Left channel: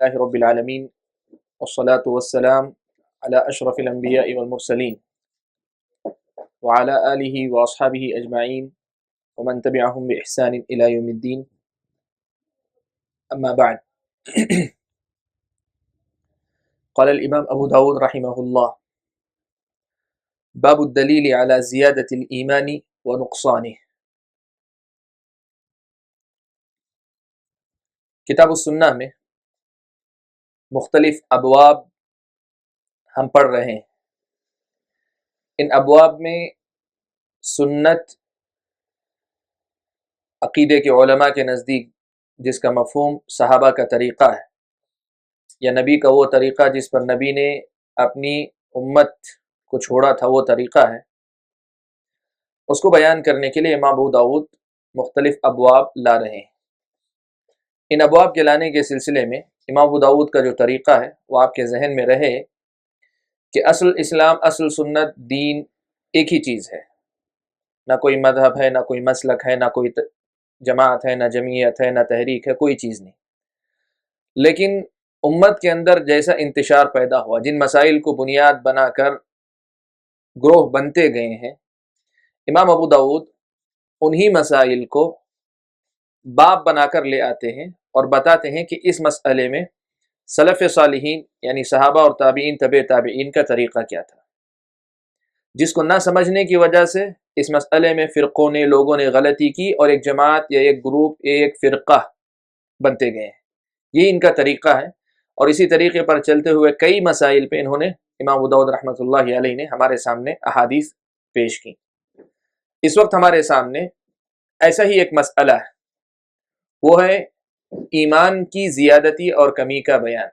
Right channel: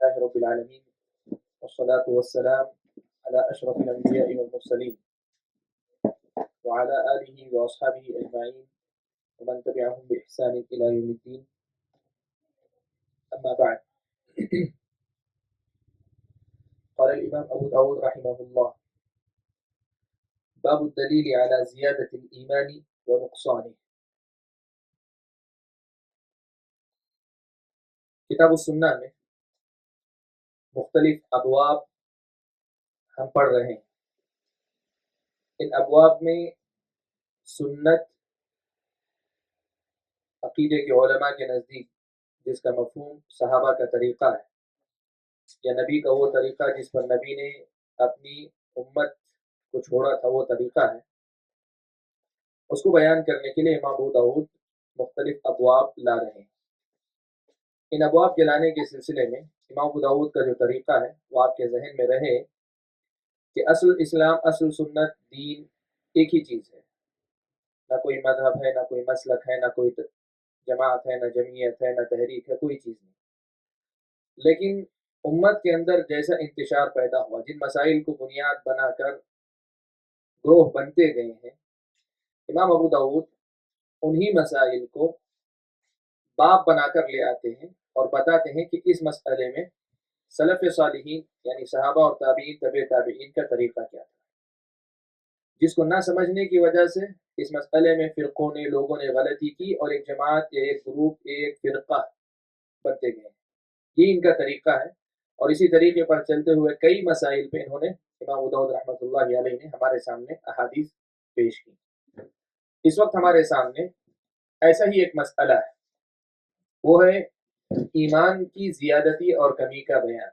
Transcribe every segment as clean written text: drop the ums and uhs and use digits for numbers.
لله رب العالمين والصلاة والسلام على أشرف الأنبياء والمرسلين وعلى آله وأصحابه أجمعين ومن تبعهم بإحسان إلى يوم الدين أما بعد. قال الإمام أبو داود رحمه الله: باب الدليل على زيادة الإيمان ونقصانه. کتاب السنہ میں مختلف ابواب ہم پڑھ رہے ہیں. ان ابواب میں سنت عقیدے کے علماء کے نزدیک جس کا مفہوم صحابہ کا طریقہ ہے یا نبی کا وہ طریقہ جس پر نبی نے اپنی امت کو چھوڑا تھا وہ طریقہ ہے، اس کو بیان کرنے کے لیے امام ابو داؤد مختلف ابواب لا رہے ہیں. ان ابواب کے لانے کے سلسلے میں امام ابو داؤد کا جو طریقہ ہے وہ آپ کے ذہن میں رہے کہ اصل اسلام، اصل سنت، دین ایک ہی چیز ہے. نہ کوئی مذہب ہے، نہ کوئی مسلک ہے، نہ کوئی جماعت ہے، نہ جمعیت ہے، نہ تحریک ہے، کوئی چیز نہیں. لیکن امت کے اندر جیسا انتشار پیدا ہوا، جن مسائل کو بنیاد بنا کر گروہ بنتے گئے ہیں، امام ابو داؤد انہی مسائل کو باب بنا کر لے آتے ہیں اور بتاتے ہیں کہ اس مسئلے میں سلف صالحین یعنی صحابہ اور تابعین، تبع تابعین کا طریقہ کیا تھا، جس کو نہ سمجھنے کی وجہ سے اس مسئلے میں فرقوں نے، لوگوں نے غلطی کی اور ایک جماعت یا ایک گروپ، ایک فرقہ بنتے گئے ہیں. یہ ان کا طریقہ ہے اور اسی طریقے پر چلتے ہوئے کئی مسائل پہ انہوں نے، امام ابو داؤد رحمۃ اللہ علیہ نے ہمارے سامنے احادیث پیش کی. اس وقت ہمارے سامنے ایسا ہی ایک مسئلہ ہے، وہ ہے ایمان کی زیادتی اور کمی کا بیان.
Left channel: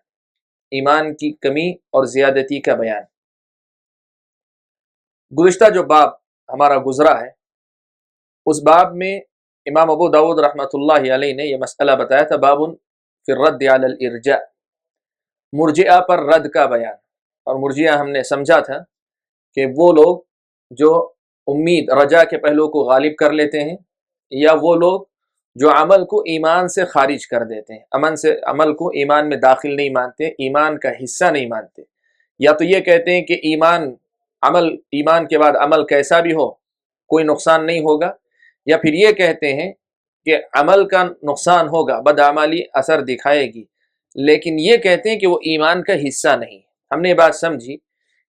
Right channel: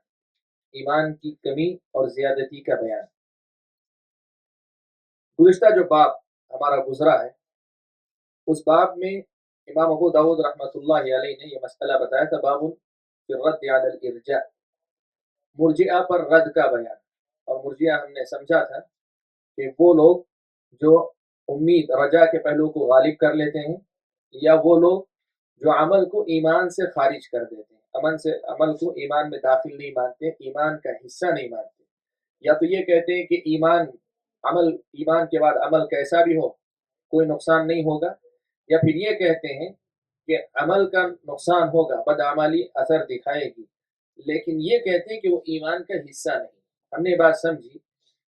ایمان کی کمی اور زیادتی کا بیان. گزشتہ جو باب ہمارا گزرا ہے اس باب میں امام ابو داؤد رحمۃ اللہ علیہ نے یہ مسئلہ بتایا تھا، باب فی الرد علی الارجاء، مرجئہ پر رد کا بیان. اور مرجئہ ہم نے سمجھا تھا کہ وہ لوگ جو امید، رجا کے پہلو کو غالب کر لیتے ہیں، یا وہ لوگ جو عمل کو ایمان سے خارج کر دیتے ہیں، عمل کو ایمان میں داخل نہیں مانتے، ایمان کا حصہ نہیں مانتے. یا تو یہ کہتے ہیں کہ ایمان کے بعد عمل کیسا بھی ہو کوئی نقصان نہیں ہوگا، یا پھر یہ کہتے ہیں کہ عمل کا نقصان ہوگا، بدعملی اثر دکھائے گی، لیکن یہ کہتے ہیں کہ وہ ایمان کا حصہ نہیں. ہم نے یہ بات سمجھی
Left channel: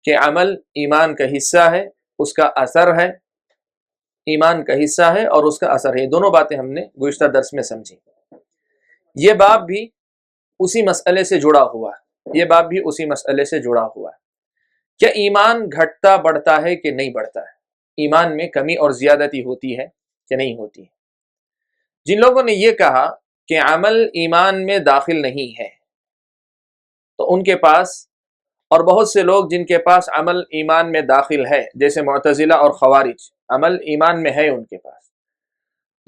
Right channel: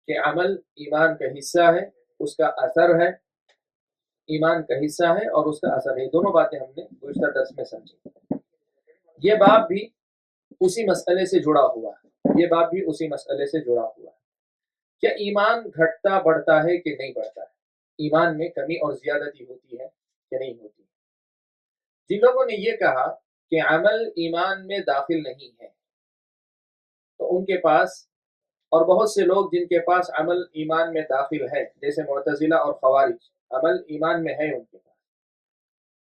کہ عمل ایمان کا حصہ ہے، اس کا اثر ہے، ایمان کا حصہ ہے اور اس کا اثر ہے. یہ دونوں باتیں ہم نے گزشتہ درس میں سمجھی. یہ باب بھی اسی مسئلے سے جڑا ہوا ہے، یہ باب بھی اسی مسئلے سے جڑا ہوا ہے. کیا ایمان گھٹتا بڑھتا ہے کہ نہیں بڑھتا ہے؟ ایمان میں کمی اور زیادتی ہوتی ہے کہ نہیں ہوتی ہے؟ جن لوگوں نے یہ کہا کہ عمل ایمان میں داخل نہیں ہے، تو ان کے پاس، اور بہت سے لوگ جن کے پاس عمل ایمان میں داخل ہے، جیسے معتزلہ اور خوارج، عمل ایمان میں ہے ان کے پاس،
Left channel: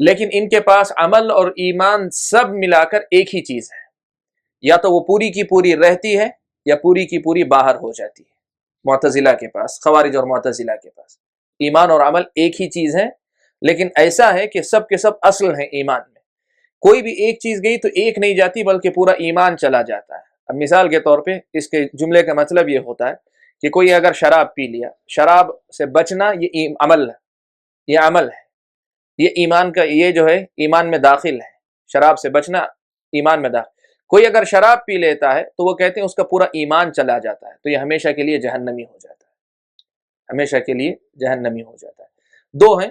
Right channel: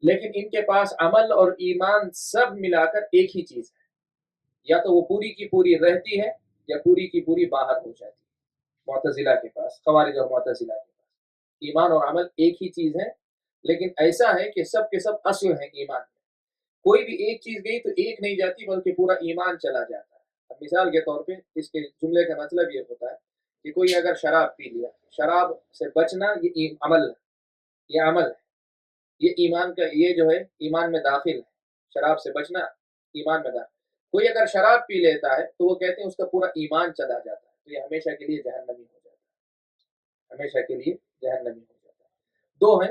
لیکن ان کے پاس عمل اور ایمان سب ملا کر ایک ہی چیز ہے. یا تو وہ پوری کی پوری رہتی ہے یا پوری کی پوری باہر ہو جاتی ہے. معتزلہ کے پاس، خوارج اور معتزلہ کے پاس ایمان اور عمل ایک ہی چیز ہے، لیکن ایسا ہے کہ سب کے سب اصل ہیں ایمان میں. کوئی بھی ایک چیز گئی تو ایک نہیں جاتی بلکہ پورا ایمان چلا جاتا ہے. اب مثال کے طور پہ اس کے جملے کا مطلب یہ ہوتا ہے کہ کوئی اگر شراب پی لیا، شراب سے بچنا یہ عمل ہے، یہ عمل ہے، یہ ایمان کا، یہ جو ہے ایمان میں داخل ہے. شراب سے بچنا ایمان میں داخل. کوئی اگر شراب پی لیتا ہے تو وہ کہتے ہیں اس کا پورا ایمان چلا جاتا ہے، تو یہ ہمیشہ کے لیے جہنمی ہو جاتا ہے، ہمیشہ کے لیے جہنمی ہو جاتا ہے. دو ہیں،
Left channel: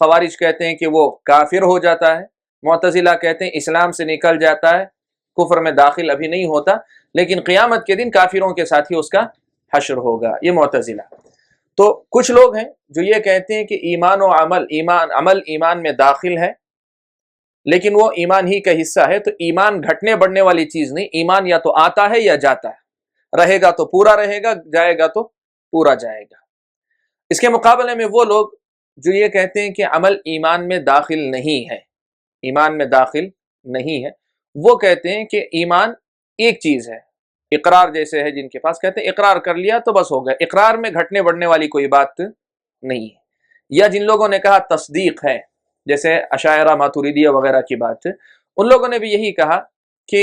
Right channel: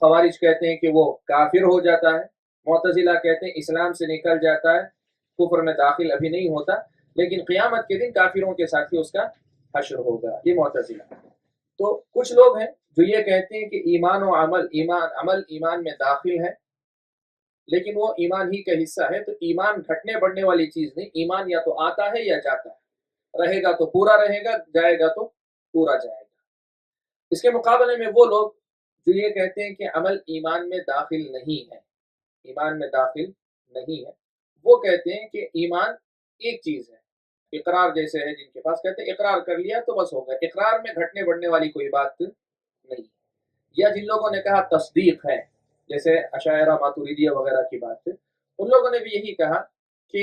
خوارج کہتے ہیں کہ وہ کافر ہو جاتا ہے، معتزلہ کہتے ہیں اسلام سے نکل جاتا ہے، کفر میں داخل ابھی نہیں ہوتا، لیکن قیامت کے دن کافروں کے ساتھ ہی اس کا حشر ہوگا. یہ معتزلہ. تو کچھ لوگ ہیں جو یہ کہتے ہیں کہ ایمان و عمل ایمان میں داخل ہے، لیکن وہ ایمان ہی کا حصہ ہے. تو ایمان گھٹنے بڑھنے والی چیز نہیں، ایمان یا تو آتا ہے یا جاتا ہے، رہے گا تو پورا رہے گا، جائے گا تو پورا جائے گا. اس کے مقابلے میں وہ لوگ جو یہ کہتے ہیں کہ عمل ایمان میں داخل نہیں ہے، ایمان میں داخل نہیں ہے، وہ کہتے ہیں کہ ایمان ایک چیز ہے. اقرار جیسے ہے جن کے پاس، کہتے ہیں اقرار کر لیا تو بس ہو گیا، اقرار میں گھٹنے بڑھنے والی کوئی بات نہیں ہے. یا جن لوگوں نے کہا تصدیق ہے، جیسے اشاعرہ ماتوریدیہ وغیرہ کی بات ہے، ان لوگوں نے بھی یہی کہا کہ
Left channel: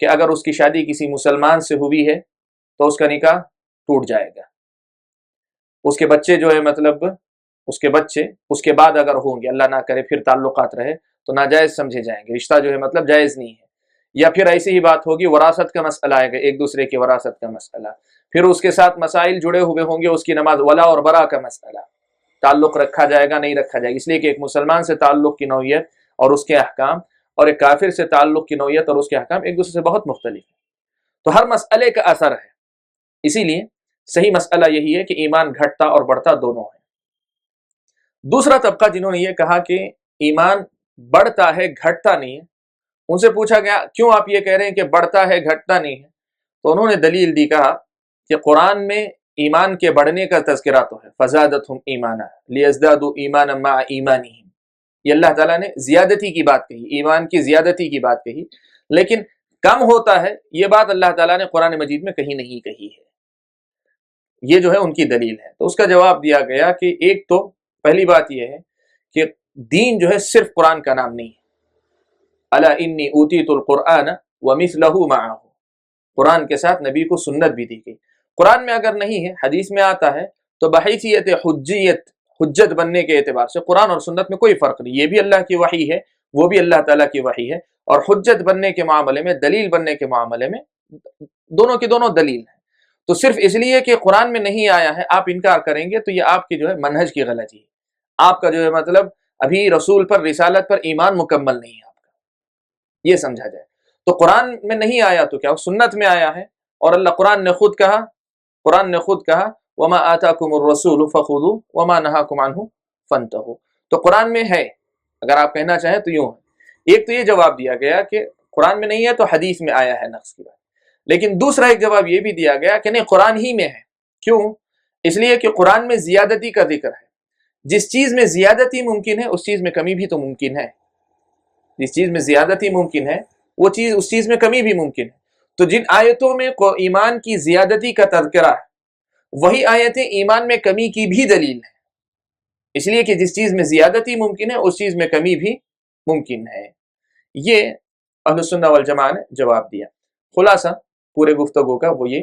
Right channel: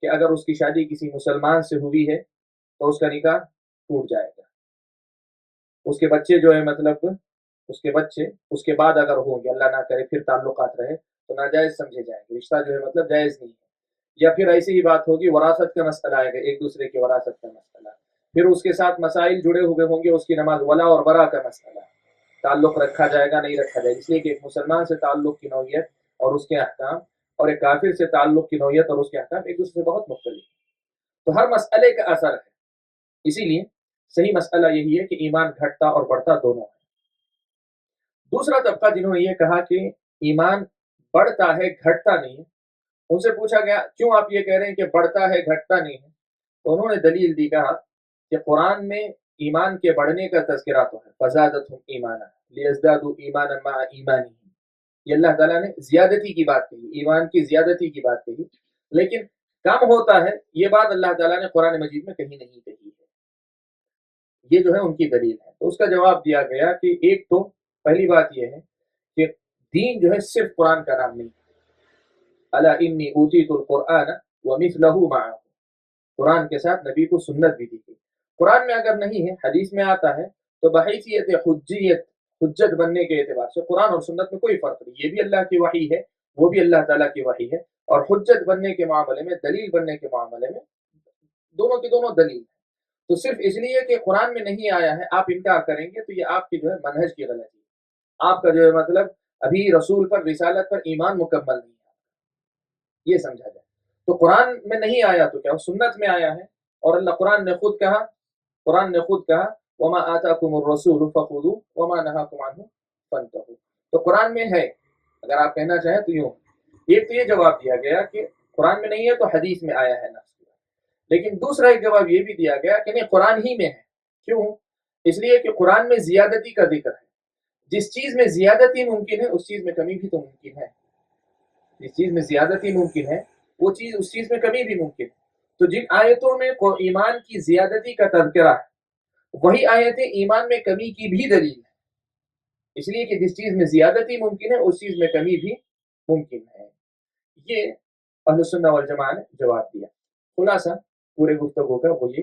کہ اگر اس کی شادی کسی مسلمان سے ہوئی ہے تو اس کا نکاح ٹوٹ جائے گا، اس کے بچے جو ہے مطلب اس کے بچے اس کے بعد اگر ہوں گے، اللہ نہ کرے پھر تعلقات رہے تو ناجائز سمجھے جائیں گے، رشتہ جو ہے مطلب جائز نہیں ہے۔ یا پھر ایسی ہی بات ہوگی، وراثت کا مسئلہ آئے گا، ایک دوسرے کی وراثت کا مسئلہ، پھر اس کے ساتھ مسائل جڑے ہوئے ہوں گے، اس کی نماز، ولا اور برا کا مسئلہ، تعلق رکھا جائے گا نہیں رکھا جائے گا، اس لیے کہ ایک مسلمان سے تعلق کی نوعیت اور اس کے احکام اور ایک کافر سے تعلق کی نوعیت اور اس کے احکام ایک دوسرے سے بہت مختلف ہیں، تو ہر مسئلے کا اثر ہے۔ اسی لیے صحیح مسئلہ یہی ہے کہ ایمان گھٹتا اور بڑھتا دونوں ہے۔ دوسرا طبقہ جنہوں نے یہ کہا کہ ایمان بڑھتا ہے گھٹتا نہیں ہے، ان سے پوچھا گیا کیوں آپ یہ کہہ رہے ہیں کہ بڑھتا ہے گھٹتا نہیں ہے، تو انہوں نے دلیل دی، کہا کہ قرآن میں ایمان کے بڑھنے کا تذکرہ تو ہے، فزادتہم ایمانا لیزدادوا ایمانا مع ایمانہم، یہ اللہ تعالیٰ نے زیادتی کی بات کہی، ایمان کی زیادتی کی بات کہی، لیکن کم ہوتا ہے یہ بات اللہ تعالیٰ نے قرآن مجید میں کہیں نہیں کہی ہے، یہ جو ہے ان کی دلیل ہے۔ تو اس کا جواب دیا گیا کہ ایک تو پہلی بات یہ ہے کہ دین جو ہے صرف قرآن کا نام نہیں ہے، الا انی اوتیت القرآن ومثلہ معہ، قرآن کے ساتھ نبی کو سنت بھی دی گئی۔ قرآن میں اگر نہیں ہے، حدیث میں آتا ہے، تو بحیثیت حجت بننے کے اعتبار سے قرآن اور سنت میں کوئی فرق نہیں، یہ بھی اللہ کی وحی ہے، وہ بھی اللہ تعالیٰ کی وحی ہے، اور حجت بننے کے معاملے میں، دلیل بننے کے معاملے میں دونوں کی دونوں دلیل ہیں۔ تو صرف اس لیے کہ قرآن میں نہیں آیا ہے آپ انکار کریں گے تو یہ آپ کی جو ہے منہج کی غلطی ہے، آپ کا جو ہے مطلب ابھی رسول پر، رسالت پر ایمان مکمل نہیں ہے آپ کا، یہ سمجھا جائے۔ تو قرآن میں نہیں آیا تو کیا سنت میں آیا ہے، اور اللہ قرآن نے خود کہا وما آتاکم الرسول فخذوہ وما نہاکم عنہ فانتہوا، تو قرآن میں ہے، اگر آپ کہنا چاہیں تو یوں ہے۔ ایک تو یہ جواب دیا گیا کہ قرآن میں نہیں ہے تو حدیث میں آیا ہے نقص کی بات، لیکن دوسرا ایک جواب یہ بھی دیا گیا کہ نہیں، قرآن ہی میں ہے۔ کیوں؟ اس لیے کہ قرآن میں زیادتی کا ذکر ہے، جس چیز میں زیادتی ممکن ہے اس چیز میں کمی بھی تو ممکن ہے، جس چیز میں زیادتی ممکن ہے وہ چیز، اس چیز میں کمی بھی ممکن ہے۔ تو جن آیتوں میں ایمان کی زیادتی کا تذکرہ ہے وہی آیتیں ایمان میں کمی کی بھی دلیل ہیں، اس لیے کہ جس چیز میں زیادتی ممکن ہے اس چیز میں کمی بھی ممکن ہے۔ یہ اہل السنہ والجماعہ نے جواب دیا۔ خلاصہ پورے گفتگو کا وہ یہ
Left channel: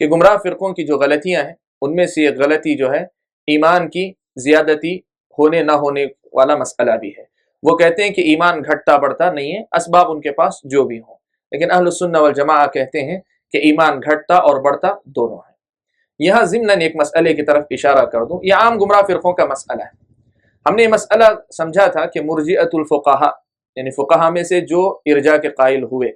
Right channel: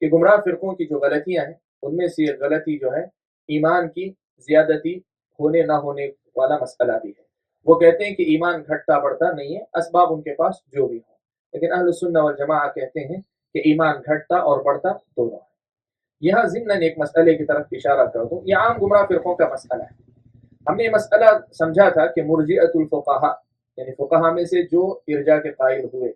کہ گمراہ فرقوں کی جو غلطیاں ہیں ان میں سے ایک غلطی جو ہے ایمان کی زیادتی ہونے نہ ہونے والا مسئلہ بھی ہے۔ وہ کہتے ہیں کہ ایمان گھٹتا بڑھتا نہیں ہے، اسباب ان کے پاس جو بھی ہوں، لیکن اہل السنہ والجماعہ کہتے ہیں کہ ایمان گھٹتا اور بڑھتا دونوں ہے۔ یہاں ضمناً ایک مسئلے کی طرف اشارہ کر دوں، یہ عام گمراہ فرقوں کا مسئلہ ہے۔ ہم نے یہ مسئلہ سمجھا تھا کہ مرجئۃ الفقہاء، یعنی فقہا میں سے جو ارجاء کے قائل ہوئے،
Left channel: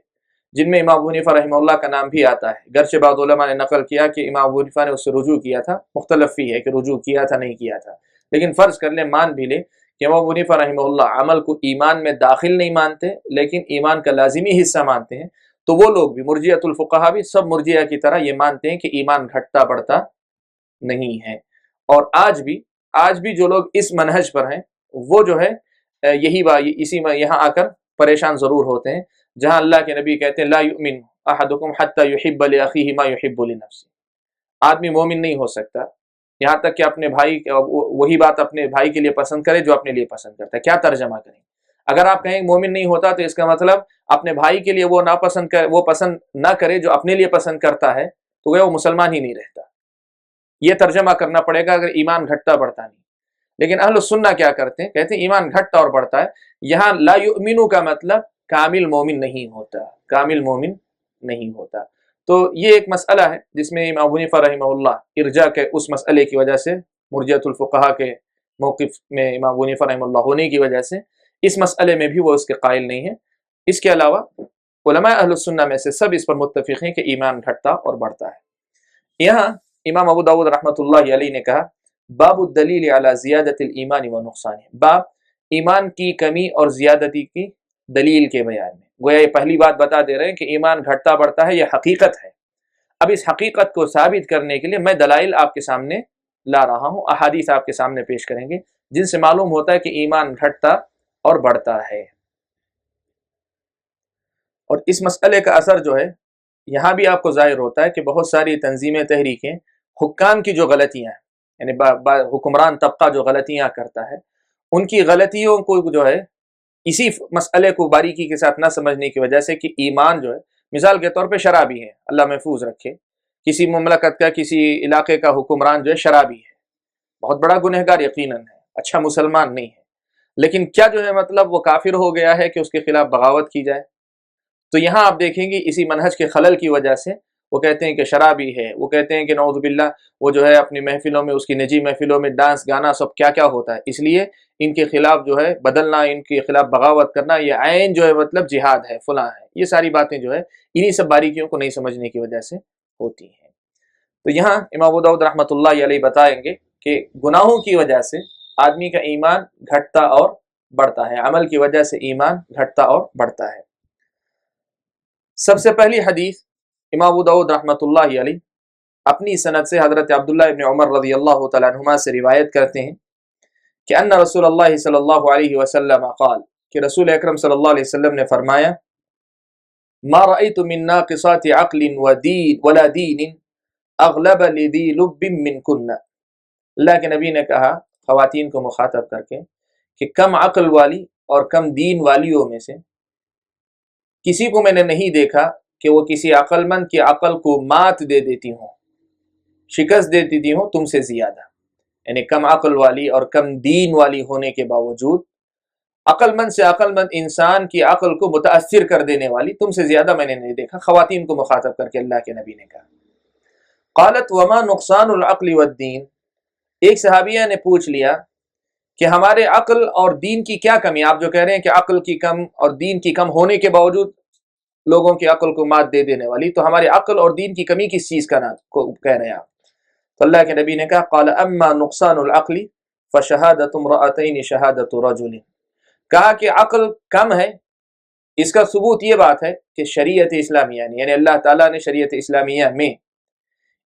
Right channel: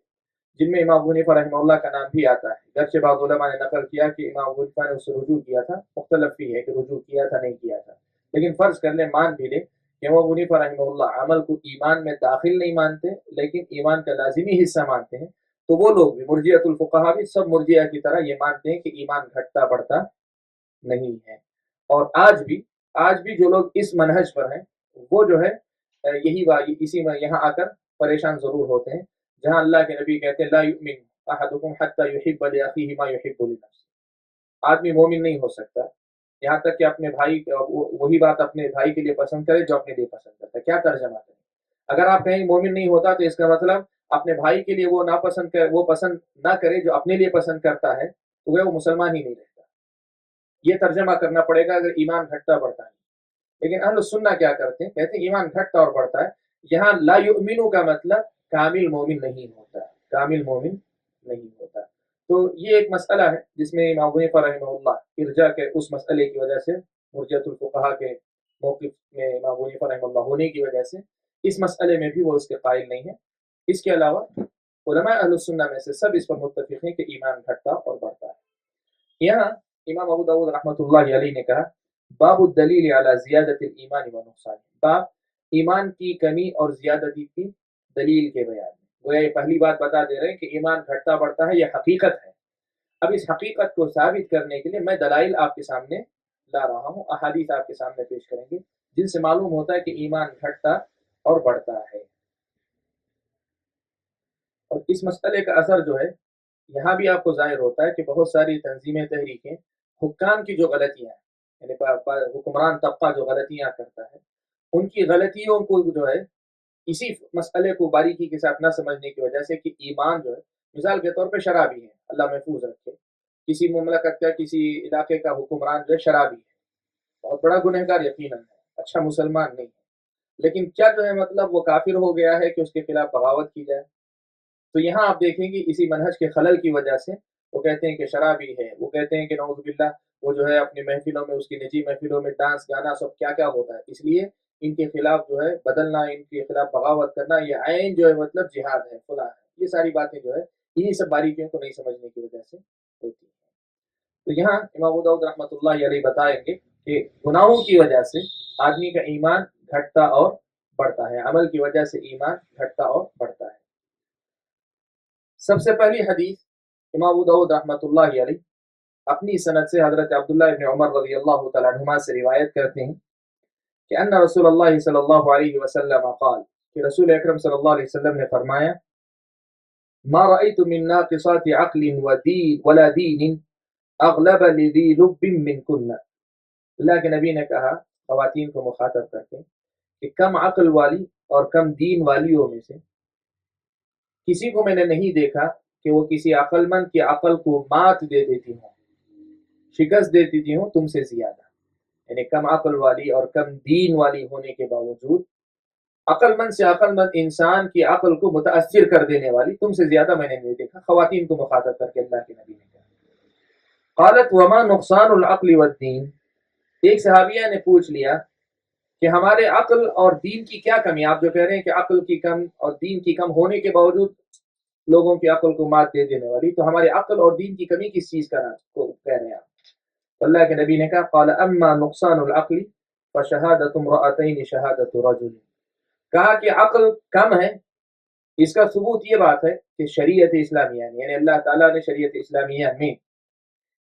جن میں امام ابو حنیفہ رحمہ اللہ کا نام بھی آتا ہے، گرچہ بعض علماء نے نقل کیا کہ امام ابو حنیفہ نے اس سے رجوع کیا تھا، مختلف فی ہے کہ رجوع کیا تھا نہیں کیا تھا، لیکن فرض کر لیں، مان بھی لیں کہ امام ابو حنیفہ رحمہ اللہ عمل کو ایمان میں داخل نہیں مانتے لیکن ایمان کا لازمی حصہ مانتے ہیں، تو وہ لوگ بھی، مرجئۃ الفقہاء بھی، سب مرجئہ کی طرح یہ مانتے ہیں کہ ایمان گھٹتا بڑھتا نہیں ہے۔ اور آج بھی جو لوگ اس منہج پر ہیں وہ جو ہے اسی میں یہاں آ کر پریشان ضرور ہوتے ہیں، جہاں اللہ کے نبی کہتے ہیں لا یؤمن احدکم حتی یحب لاخیہ ما یحب لنفسہ، آدمی مومن نہیں ہو سکتا یہاں تک کہ اپنے بھائی وہی بات اپنے بھائی کے لیے پسند کرے جو اپنے لیے پسند کرتا ہے۔ کیا ترجمہ کریں؟ اگر آپ کہیں مومن نہیں ہوتا تو اس کا مطلب اپنے بھائی کے لیے وہ پسند نہ کرے جو اپنے لیے پسند کرتا ہے، تو وہ مسلمان ہی نہیں رہتا۔ یہ ترجمہ کرنا پڑے گا اگر ایمان گھٹتا بڑھتا نہیں۔ لیکن اہل السنہ کیا کرتے ہیں؟ کہتے ہیں ایمان گھٹتا اور بڑھتا ہے۔ یہاں لا یؤمنو کا مطلب کامل مومن نہیں ہوتا، کامل مومن نہیں ہوتا۔ تو یہ ایک مسئلہ ہے جس میں امام ابو حنیفہ رحمہ اللہ ارجاء کے اس مسئلے کی وجہ سے، مرجئۃ الفقہاء کے موقف میں امام ابو حنیفہ رحمہ اللہ ہونے کی وجہ سے اس مسئلے میں بھی وہ اس کے قائل نہیں ہے۔ اس کے علاوہ علماء اہل السنہ میں سے سب اس پر متفق ہیں کہ ایمان گھٹتا اور بڑھتا ہے۔ یہاں امام ابو داؤد رحمۃ اللہ علیہ نے کہا باب الدلیل علی زیادت الایمان و نقصانہ، باب ایمان کی کمی اور زیادتی کی دلیل کے بیان میں۔ گویا یہ پہلی بات بتا دے رہے ہیں کہ ایمان گھٹتا بڑھتا ہے، یہ حقیقت ہے۔ اب اس حقیقت کو ثابت کرنے کے لیے میں دلائل آپ کے سامنے لا رہا ہوں، احادیث آپ کے سامنے پیش کریں گے جن سے معلوم ہوتا ہے کہ ایمان گھٹتا اور بڑھتا ہے۔ اور اس مسئلے کا اثر جو ہے یہاں بھی آپ کو ظاہر ہوتا ہے کہ بہت ساری تنظیمیں، تحریکیں، حکام کی جو غلطیاں ہیں، یعنی حکمران طبقہ جو غلطیاں کرتا ہے، ان کی غلطیوں کو جو ہے اسی مسئلے کو باریکی کے ساتھ نہ سمجھنے کی وجہ سے کہ ایمان جو ہے مثال کے طور پہ شرابی ہے، اللہ محفوظ رکھے، کسی مملکت کا کسی علاقے کا حکمران جو ہے شرابی ہے، بہت بڑا گنہگار یقیناً ہے، اچھا مسلمان نہیں ہے، لیکن کیا جو ہے مطلب وہ کافر ہو گیا ہے کہ اس کے خلاف بغاوت کی جائے؟ تو یہاں آپ دیکھیں گے اسی منہج کے خلل کی وجہ سے وہ کہتے ہیں کہ شرابی ہے، وہ کہتے ہیں کہ نعوذ باللہ وہ جو ہے اپنی محفلوں میں، اس کی نجی محفلوں میں ڈانس گانا سب کیا کیا ہوتا ہے، اس لیے ان کے خلاف جو ہے بدلنا، ان کے خلاف بغاوت کرنا یہ عین جو ہے مطلب جہاد ہے، فلاں ہے، یہ ساری باتیں جو ہے انہی سب باریکیوں کو نہیں سمجھنے کی وجہ سے ہوتی ہیں۔ تو یہاں امام ابو داؤد رحمۃ اللہ علیہ بتائیں گے کہ گناہوں کی وجہ سے آدمی کا ایمان گھٹتا اور بڑھتا ہے، عمل کی وجہ سے ایمان گھٹتا اور بڑھتا ہے۔ سب سے پہلی حدیث امام ابو داؤد رحمۃ اللہ علیہ اپنی سند سے حضرت عبداللہ ابن عمر رضی اللہ تعالیٰ عنہما سے روایت کرتے ہیں کہ ان رسول اللہ صلی اللہ علیہ وسلم قال، کہ رسول اکرم صلی اللہ علیہ وسلم نے فرمایا ما رأيت من ناقصات عقل ودین ولا دین اغلب لذی لب منکن، اللہ کے نبی نے کہا خواتین کو مخاطب کر کے کہ کم عقل والی اور کم دین والیوں میں سے کسی کو میں نے نہیں دیکھا کہ وہ کسی عقل مند کی عقل کو مات دے دیتی ہوں، شکست دے دیتی ہوں تم سے زیادہ، یعنی کم عقل والی اور کم دین والی ہونے کے باوجود عقل مند سے عقل مند انسان کی عقل کو متاثر کر دینے والی تم سے زیادہ میں نے نہیں دیکھا، خواتین کو مخاطب کر کے اللہ کے نبی نے کہا۔ قالت وما نقصان العقل والدین، ایک صحابیہ نے پوچھ لیا کہ ہمارے عقل اور دین کی کیا کمی؟ آپ جو کہہ رہے ہیں کہ عقل کی کم اور دین کی کم ہونے کے باوجود لوگوں کی عقل کو مات دے دینے والی، تو ہمارے عقل اور دین کی کمی کس چیز کا نام کو کہہ رہے ہیں آپ؟ تو اللہ کے نبی نے کہا قال اما نقصان العقل فشہادۃ امرأتین شہادۃ رجل، کہا کہ عقل کم ہے، اس کا ثبوت یہ بات ہے کہ شریعت اسلامیہ نے، یعنی اللہ تعالیٰ نے شریعت اسلامیہ میں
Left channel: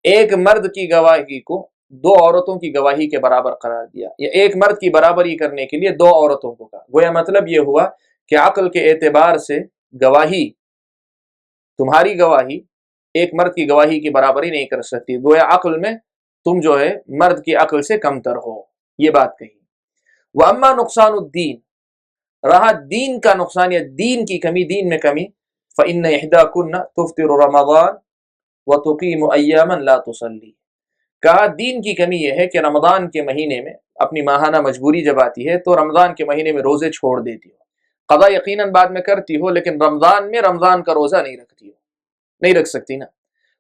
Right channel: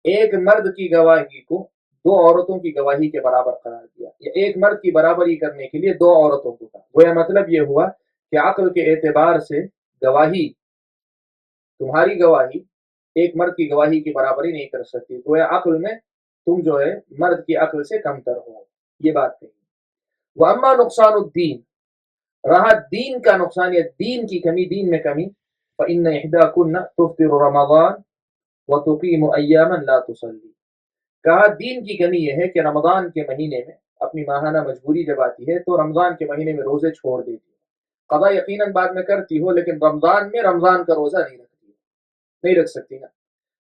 ایک مرد کی گواہی کو دو عورتوں کی گواہی کے برابر قرار دیا، یا ایک مرد کی برابری کرنے کے لیے دو عورتوں کو کہا۔ گویا مطلب یہ ہوا کہ عقل کے اعتبار سے گواہی، تمہاری گواہی ایک مرد کی گواہی کی برابری نہیں کر سکتی، گویا عقل میں تم جو ہے مرد کی عقل سے کمتر ہو، یہ بات کہی۔ وَأَمَّا نُقْصَانُ الدِّينِ، رہا دین کا نقصان یا دین کی کمی، دین میں کمی، فَإِنَّ إِحْدَاكُنَّ تُفْطِرُ رَمَضَانَ وَتُقِيمُ أَيَّامًا لَا تُصَلِّي، کہا دین کی کمی یہ ہے کہ رمضان کے مہینے میں اپنی ماہانہ مجبوری جب آتی ہے تو رمضان کے مہینے میں روزے چھوڑ دیتی ہو، قضا یقیناً بعد میں کرتی ہو لیکن رمضان میں رمضان کا روزہ نہیں رکھتی ہو، نہیں رکھ سکتی نا،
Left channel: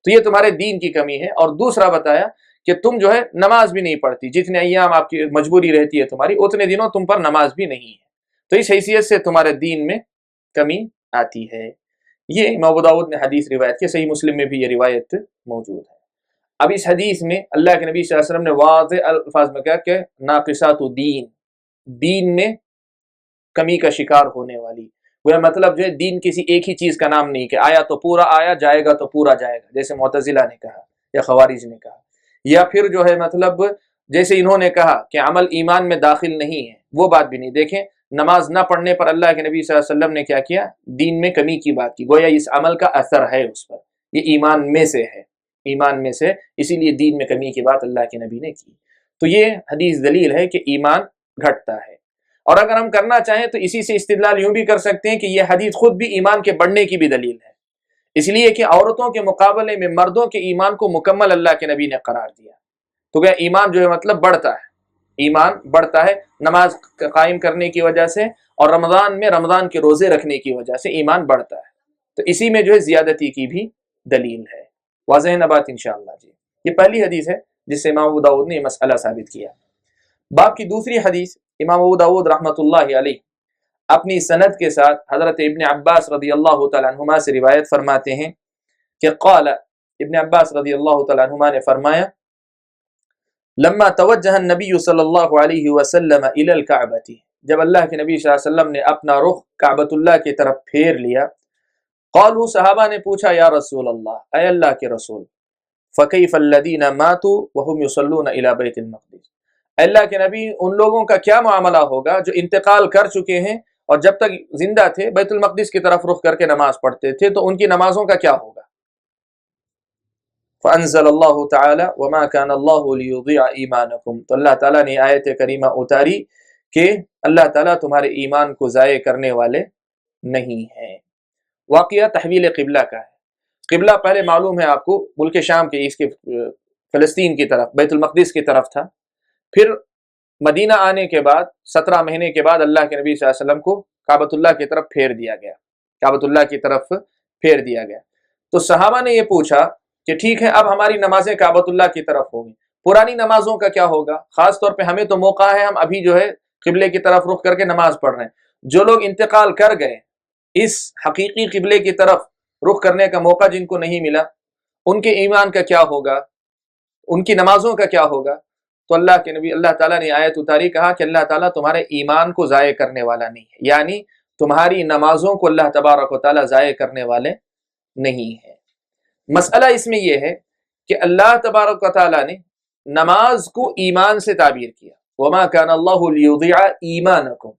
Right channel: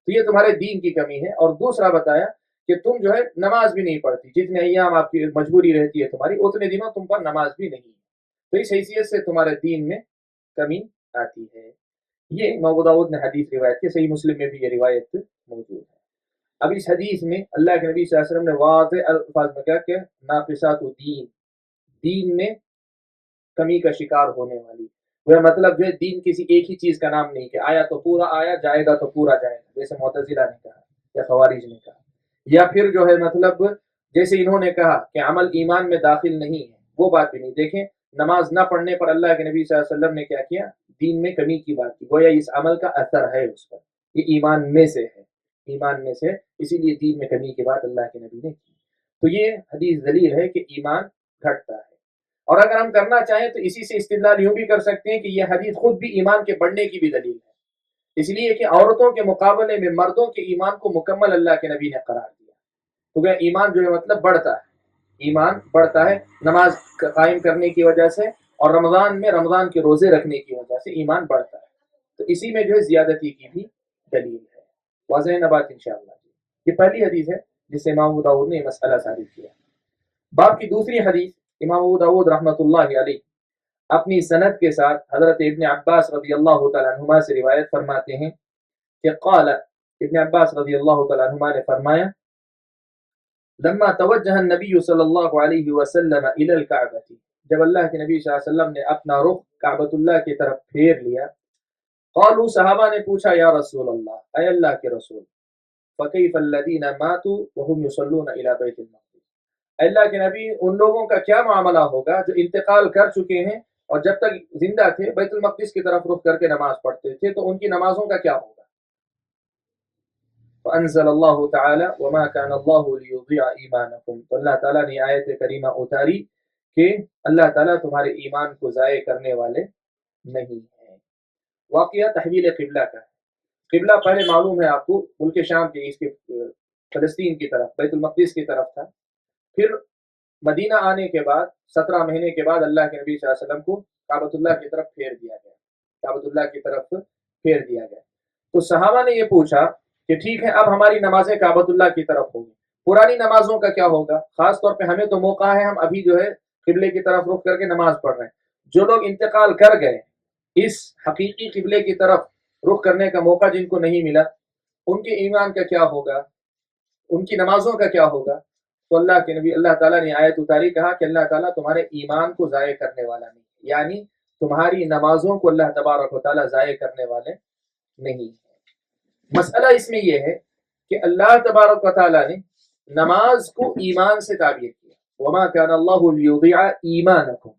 تو یہ تمہارے دین کی کمی ہے۔ اور دوسرا بتایا کہ تم جو ہے نماز بھی نہیں پڑھتی، جتنے ایام آپ کی مجبوری رہتی ہے تمہاری اتنے دنوں تم پر نماز بھی نہیں ہے، تو اس حیثیت سے تمہارے دین میں کمی آتی ہے۔ یہ امام ابو داؤد نے حدیث روایت کی، صحیح مسلم میں بھی یہ روایت موجود ہے۔ اب اس حدیث میں اللہ کے نبی صلی اللہ علیہ وسلم نے واضح الفاظ میں کہا کہ ناقصات دین، دین میں کمی کا شکار ہونے والی، وہ مطلب جو ہے دین کسی ایک ہی چیز کا نام نہیں کہ آیا تو پورا آیا، جائے گا تو پورا جائے گا، جیسے معتزلہ نے کہا یا خوارج نے کہا، یا پھر جو ہے مطلب جیسے انہوں نے کہا کہ عمل ایمان میں داخل نہیں ہے، وہ بات بھی نہیں۔ دیکھیں نماز نہ پڑھنے پر اللہ کے نبی صلی اللہ علیہ وسلم نے کیا کیا؟ دین میں کمی کی بات کی، گویا اس عمل کا اثر ہے اس پر، یہ ایمان میں سے ہے، ایمان میں سے، اسی لیے دین میں کمی کی بات اللہ کے نبی نے کی۔ تو یہ حدیث دلیل ہے کہ ایمان گھٹتا ہے، اور اگر ہم کرنا چاہیں تو اسی سے استدلال یوں بھی کر سکتے ہیں کہ یہ حدیث خود بھی ایمان کے بڑھنے کی بھی دلیل ہے، اس لیے کہ عورتوں کے مقابلے میں مردوں کے ایمان کو مکمل اللہ کے نبی نے قرار دیا، تو کیا ایمان جو ہے مطلب بڑھتا ہے، ایمان بڑھتا ہے نماز قائم کرنے کی وجہ سے، اور رمضان میں رمضان کے روزے رکھنے کی وجہ سے ایمان بڑھتا ہے، تو اسی میں جو ہے زیادتی کی بھی دلیل ہے۔ واضح نہ بات انشاءاللہ جی۔ یہ پہلی حدیث ہے جس سے امام ابو داؤد نے یہ مسئلہ ثابت کیا۔ باب کی دوسری حدیث امام ابو داؤد رحمۃ اللہ علیہ اپنی سند کے ساتھ حضرت ابن عباس رضی اللہ تعالیٰ عنہما سے روایت فرماتے ہیں کہ قال، ابن عباس رضی اللہ تعالیٰ عنہما نے فرمایا لما توجہ النبی صلی اللہ علیہ وسلم الی الکعبۃ، جب اللہ کے نبی صلی اللہ علیہ وسلم نے اپنا رخ کعبۃ اللہ کی طرف پھیر لیا، قالوا، صحابہ نے پوچھا یا رسول اللہ، اے اللہ کے رسول، فکیف الذین ماتوا وهم یصلون الی بیت المقدس، اللہ کے نبی ان لوگوں کا کیا معاملہ ہوگا جو انتقال کر چکے ہیں اور جب تک زندہ تھے بیت المقدس کی طرف رخ کر کے نماز پڑھتے تھے، تو ان کی نمازوں کا کیا ہوگا؟ فانزل اللہ تعالی وما كان اللہ لیضیع ایمانکم، تو اللہ تعالیٰ نے آیت کریمہ اتاری کہ اللہ تعالیٰ تمہارے ایمان کو ضائع کرنے والے نہیں ہیں۔ واقعہ تحویل قبلہ کا ہے۔ قبلہ پہلے معلوم ہے آپ کو ملک شام کے، اس کے فلسطین کی طرف، بیت المقدس کی طرف تھا۔ پھر مدینہ آنے کے بعد 17 مہینے کے بعد اللہ کے نبی صلی اللہ علیہ وسلم کو کعبۃ اللہ کی طرف پھیر دیا گیا، کعبۃ اللہ کی طرف پھیر دیا گیا۔ تو صحابہ نے یہ پوچھا کہ ٹھیک ہے، اب ہماری نمازیں کعبۃ اللہ کی طرف ہوں گی، پرانی نمازوں کا کیا ہوگا؟ خاص طور پہ ہمیں تو موقع ہے، ہم ابھی جو ہے قبلے کی طرف رخ کر کے نماز پڑھ رہے ہیں۔ جو لوگ انتقال کر گئے، اس حقیقی قبلے کی طرف رخ کرنے کا موقع جن کو نہیں ملا، ان کے ایمان کا کیا ہوگا؟ ان کی نمازوں کا کیا ہوگا؟ تو اللہ کے نبی، اللہ تعالیٰ نے آیت اتاری، کہا کہ اللہ تعالیٰ تمہارے ایمان کو ضائع کرنے والا نہیں ہے، یعنی تمہاری نمازوں کو اللہ تبارک و تعالیٰ ضائع کرنے والے نہیں ہیں۔ مسئلہ اس میں یہ ہے کہ اللہ تبارک و تعالیٰ نے نماز کو ایمان سے تعبیر کیا، وما کان اللہ لیضیع ایمانکم،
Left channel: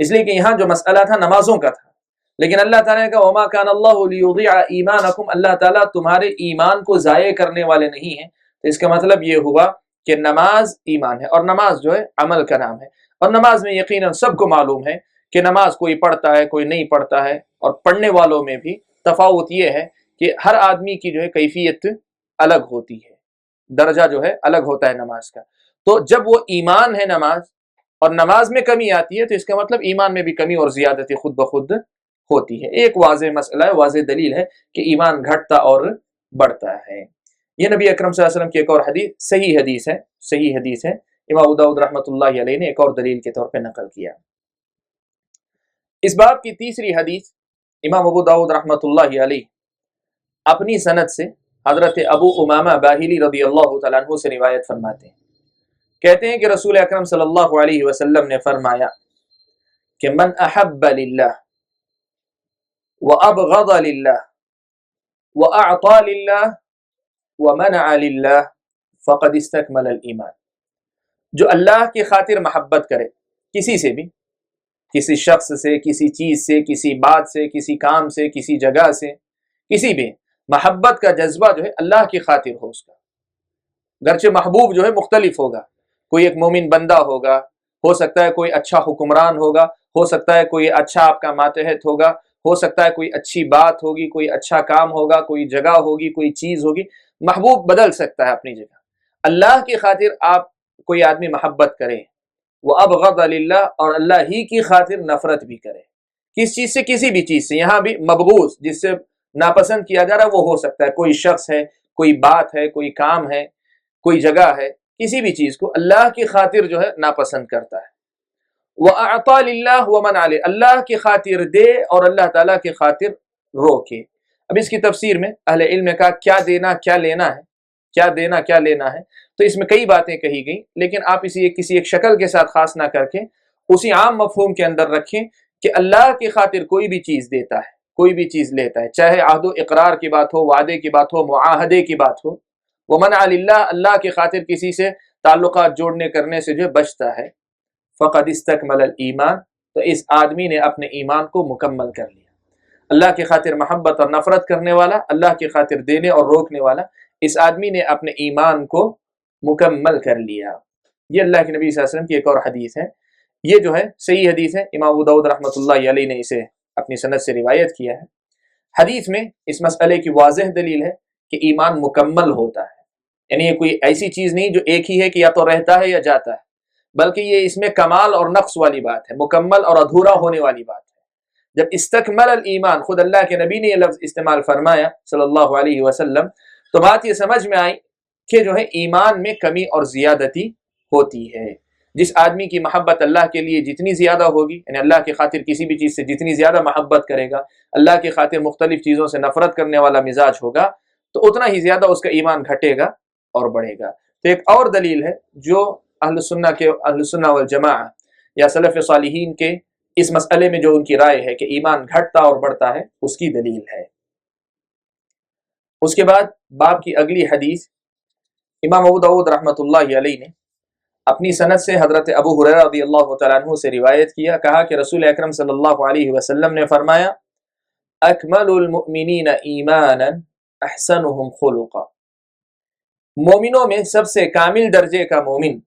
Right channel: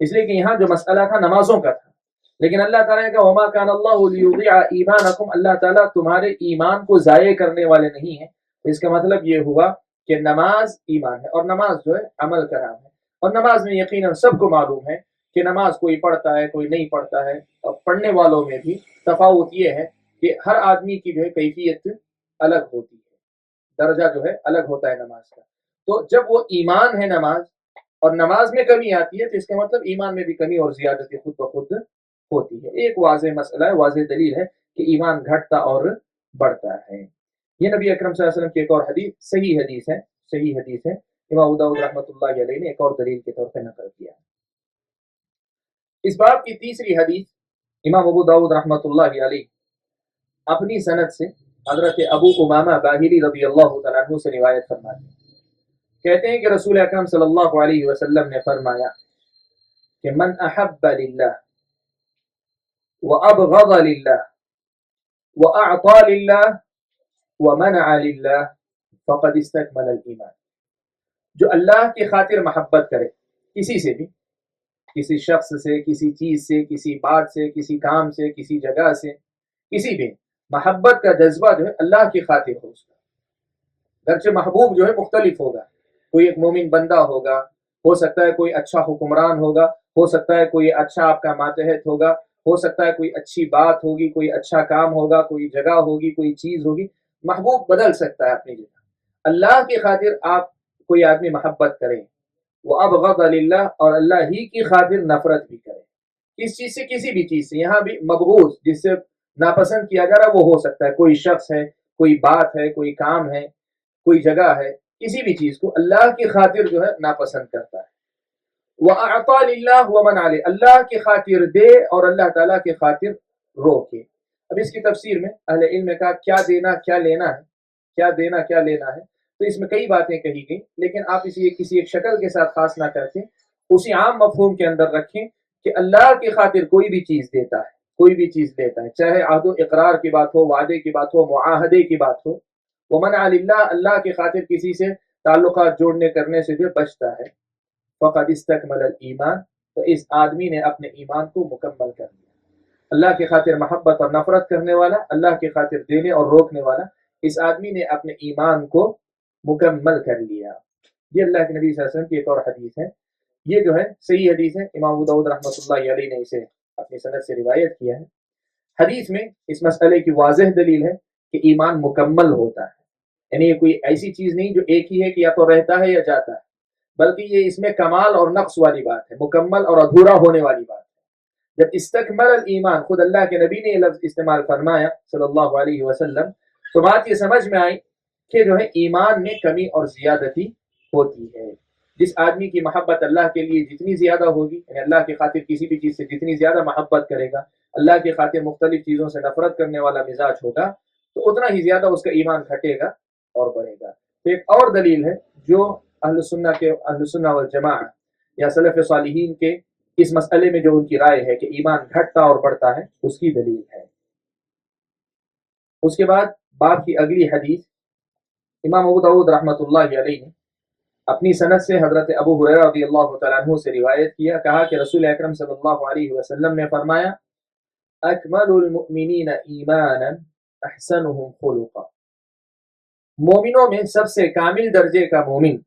اس لیے کہ یہاں جو مسئلہ تھا نمازوں کا تھا، لیکن اللہ تعالیٰ نے کہا وما کان اللہ لیضیع ایمانکم، اللہ تعالیٰ تمہارے ایمان کو ضائع کرنے والے نہیں ہیں۔ تو اس کا مطلب یہ ہوا کہ نماز ایمان ہے، اور نماز جو ہے عمل کا نام ہے، اور نماز میں یقیناً سب کو معلوم ہے کہ نماز کوئی پڑھتا ہے کوئی نہیں پڑھتا ہے، اور پڑھنے والوں میں بھی تفاوت یہ ہے کہ ہر آدمی کی جو ہے کیفیت الگ ہوتی ہے، درجہ جو ہے الگ ہوتا ہے نماز کا۔ تو جب وہ ایمان ہے نماز، اور نماز میں کمی آتی ہے، تو اس کا مطلب ایمان میں بھی کمی اور زیادتی خود بخود ہوتی ہے۔ ایک واضح مسئلہ ہے، واضح دلیل ہے کہ ایمان گھٹتا اور بڑھتا ہے۔ یہ نبی اکرم صلی اللہ علیہ وسلم کی ایک اور حدیث، صحیح حدیث ہے، امام ابو داؤد رحمۃ اللہ علیہ نے ایک اور دلیل کے طور پہ نقل کیا۔ اس باب کی تیسری حدیث امام ابو داؤد رحمۃ اللہ علیہ اپنی سند سے حضرت ابو امامہ باہلی رضی اللہ تعالیٰ عنہ سے روایت فرماتے ہیں، کہتے ہیں کہ رسول اکرم صلی اللہ علیہ وسلم نے فرمایا کہ من احب للہ وابغض للہ واعطى للہ ومنع للہ فقد استکمل الایمان، جو اللہ کی خاطر محبت کرے، کسی سے بھی، کسی شخص سے، کسی چیز سے، کسی بات سے، کسی کام سے، کسی جگہ سے، کسی بھی محبت کا جذبہ جو ہے اللہ کی خاطر ہو اس کا، گرچہ محبوب جو ہے مختلف ہوگا، کوئی ایک مومن بندہ ہوگا، ہو سکتا ہے کوئی اچھا حکمران ہوگا، ہو سکتا ہے کوئی اچھا آپ کا ماتحت ہوگا، ہو سکتا ہے کوئی اچھی بات ہوگی، کوئی اچھا کام ہوگا، کوئی جگہ ہوگی، کوئی چیز ہوگی، محبوب بدل سکتا ہے اپنی جگہ۔ اللہ کی خاطر آپ کوئی آدمی محبت کرے، وہ ابغض للہ، اور اللہ ہی کی خاطر نفرت بھی کرے، کس چیز سے؟ کسی بھی چیز سے۔ یہاں بھی مبغوض جس سے ناپسند کیا جا رہا ہے وہ ہو سکتا ہے کوئی شخص ہے، کوئی بات ہے، کوئی کام ہے، کوئی جگہ ہے، کسی بھی چیز کو اللہ کی خاطر جو ہے ناپسند کرتا ہے۔ وَأَعْطَى لِلَّهِ وَمَنْعَ لِلَّهِ، اللہ کی خاطر دے اور اللہ تعالیٰ کی خاطر روکے۔ اب اس کی تفسیر میں اہل علم نے کہا کیا دینا کیا لینا ہے، کیا دینا کیا لینا ہے، تو اس میں کئی باتیں کہی گئیں، لیکن آپ اسے کسی ایک شکل کے ساتھ خاص نہ کر کے اسی عام مفہوم کے اندر رکھیں کہ اللہ کی خاطر کوئی بھی چیز دیتا ہے، کوئی بھی چیز لیتا ہے، چاہے عہد و اقرار کی بات ہو، وعدے کی بات ہو، معاہدے کی بات ہو۔ وَمَنْعَ لِلَّهِ، اللہ کی خاطر کسی سے تعلقات جوڑنے کرنے سے جو بچتا ہے، فقد استکمل الایمان، تو اس آدمی نے اپنے ایمان کو مکمل کر لیا۔ اللہ کی خاطر محبت اور نفرت کرنے والا، اللہ کی خاطر دینے اور روکنے والا، اس آدمی نے اپنے ایمان کو مکمل کر لیا۔ یہ اللہ کے نبی صلی اللہ علیہ وسلم کی ایک اور حدیث ہے، یہ جو ہے صحیح حدیث ہے، امام ابو داؤد رحمۃ اللہ علیہ نے اسے اپنی سند سے روایت کیا ہے۔ حدیث میں اس مسئلے کی واضح دلیل ہے کہ ایمان مکمل ہوتا ہے، یعنی یہ کوئی ایسی چیز نہیں جو ایک ہی ہے کہ یا تو رہتا ہے یا جاتا ہے، بلکہ یہ اس میں کمال اور نقص والی بات ہے، مکمل اور ادھورا ہونے والی بات ہے۔ جب استکمل الایمان، خود اللہ کے نبی نے یہ لفظ استعمال فرمایا صلی اللہ علیہ وسلم، تو بات یہ سمجھ میں آئی کہ جو ہے ایمان میں کمی اور زیادتی ہوتی ہے۔ جس آدمی کی محبت اللہ کے لیے جتنی زیادہ ہوگی، یعنی اللہ کی خاطر کسی بھی چیز سے جتنی زیادہ محبت کرے گا، اللہ کی خاطر مختلف چیزوں سے نفرت کرنے والا مزاج ہوگا، تو اتنا ہی زیادہ اس کا ایمان گھٹے گا اور بڑھے گا۔ تو ایک اور دلیل ہے جو اہل سنہ والجماعہ یا سلف صالحین کے اس مسئلے میں جو ان کی رائے ہے کہ ایمان گھٹتا اور بڑھتا ہے، اس کی دلیل ہے۔ اس کے بعد باب کی اگلی حدیث امام ابو داؤد رحمۃ اللہ علیہ نے اپنی سند سے حضرت ابو ہریرہ رضی اللہ تعالیٰ عنہ سے روایت کیا، کہا کہ رسول اکرم صلی اللہ علیہ وسلم نے فرمایا اکمل المؤمنین ایمانا احسنهم خلقا، مومنوں میں سب سے کامل درجے کا مومن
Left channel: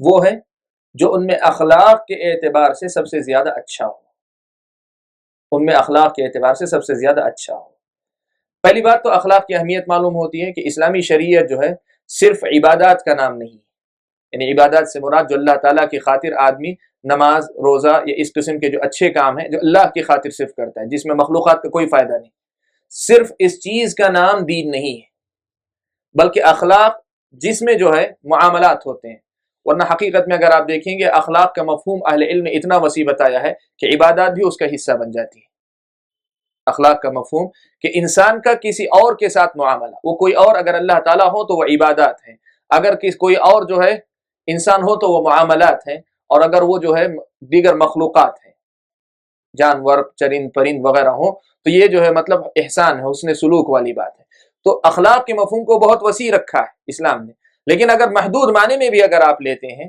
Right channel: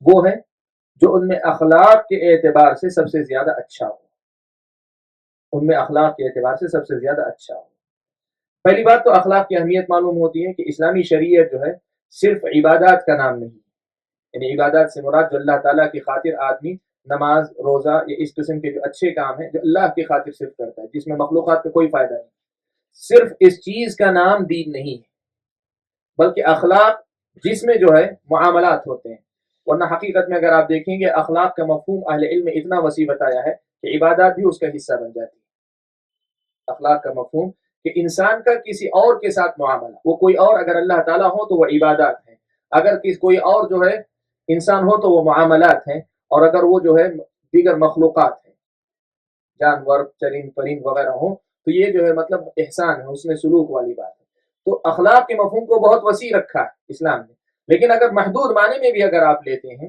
وہ ہے جو ان میں اخلاق کے اعتبار سے سب سے زیادہ اچھا ہو۔ ان میں اخلاق کے اعتبار سے سب سے زیادہ اچھا ہو۔ پہلی بات تو اخلاق کی اہمیت معلوم ہوتی ہے کہ اسلامی شریعت جو ہے صرف عبادات کا نام نہیں ہے، یعنی عبادات سے مراد جو اللہ تعالیٰ کی خاطر آدمی نماز روزہ یا اس قسم کے جو اچھے کام ہیں جو اللہ کی خاطر صرف کرتا ہے، جس میں مخلوقات کا کوئی فائدہ نہیں، صرف اس چیز کا نام دین نہیں ہے، بلکہ اخلاق جس میں جو ہے معاملات ہوتے ہیں۔ ورنہ حقیقت میں اگر آپ دیکھیں گے اخلاق کا مفہوم اہل علم نے اتنا وسیع بتایا ہے کہ عبادات بھی اس کا حصہ بن جاتی ہے۔ اخلاق کا مفہوم کہ انسان کا کسی اور کے ساتھ معاملہ، وہ کوئی اور اگر اللہ تعالیٰ ہو تو وہ عبادات ہیں، اگر کوئی اور جو ہے انسان ہو تو وہ معاملات ہیں، اور اگر وہ جو ہے دیگر مخلوقات ہیں، جانور چرند پرند وغیرہ ہوں تو یہ جو ہے مطلب احسان ہے، حسن سلوک والی بات ہے۔ تو اخلاق کے مفہوم کو بہت وسیع رکھا ہے اسلام نے، لیکن اگر محدود معنی میں بھی اگر آپ لیتے ہیں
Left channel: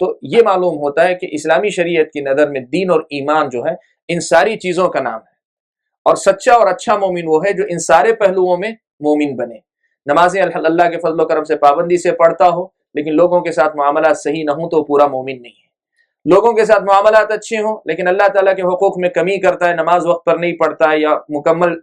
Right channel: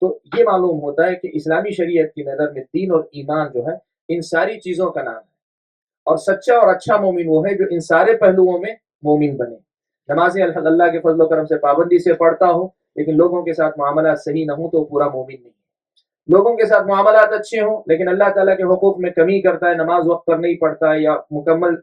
تو یہ معلوم ہوتا ہے کہ اسلامی شریعت کی نظر میں دین اور ایمان جو ہے ان ساری چیزوں کا نام ہے، اور سچا اور اچھا مومن وہ ہے جو ان سارے پہلوؤں میں مومن بنے۔ نمازیں اللہ کے فضل و کرم سے پابندی سے پڑھتا ہو لیکن لوگوں کے ساتھ معاملات صحیح نہ ہوں تو پورا مومن نہیں ہے۔ لوگوں کے ساتھ معاملات اچھے ہوں لیکن اللہ تعالیٰ کے حقوق میں کمی کرتا ہے، نماز وقت پر نہیں پڑھتا ہے یا مکمل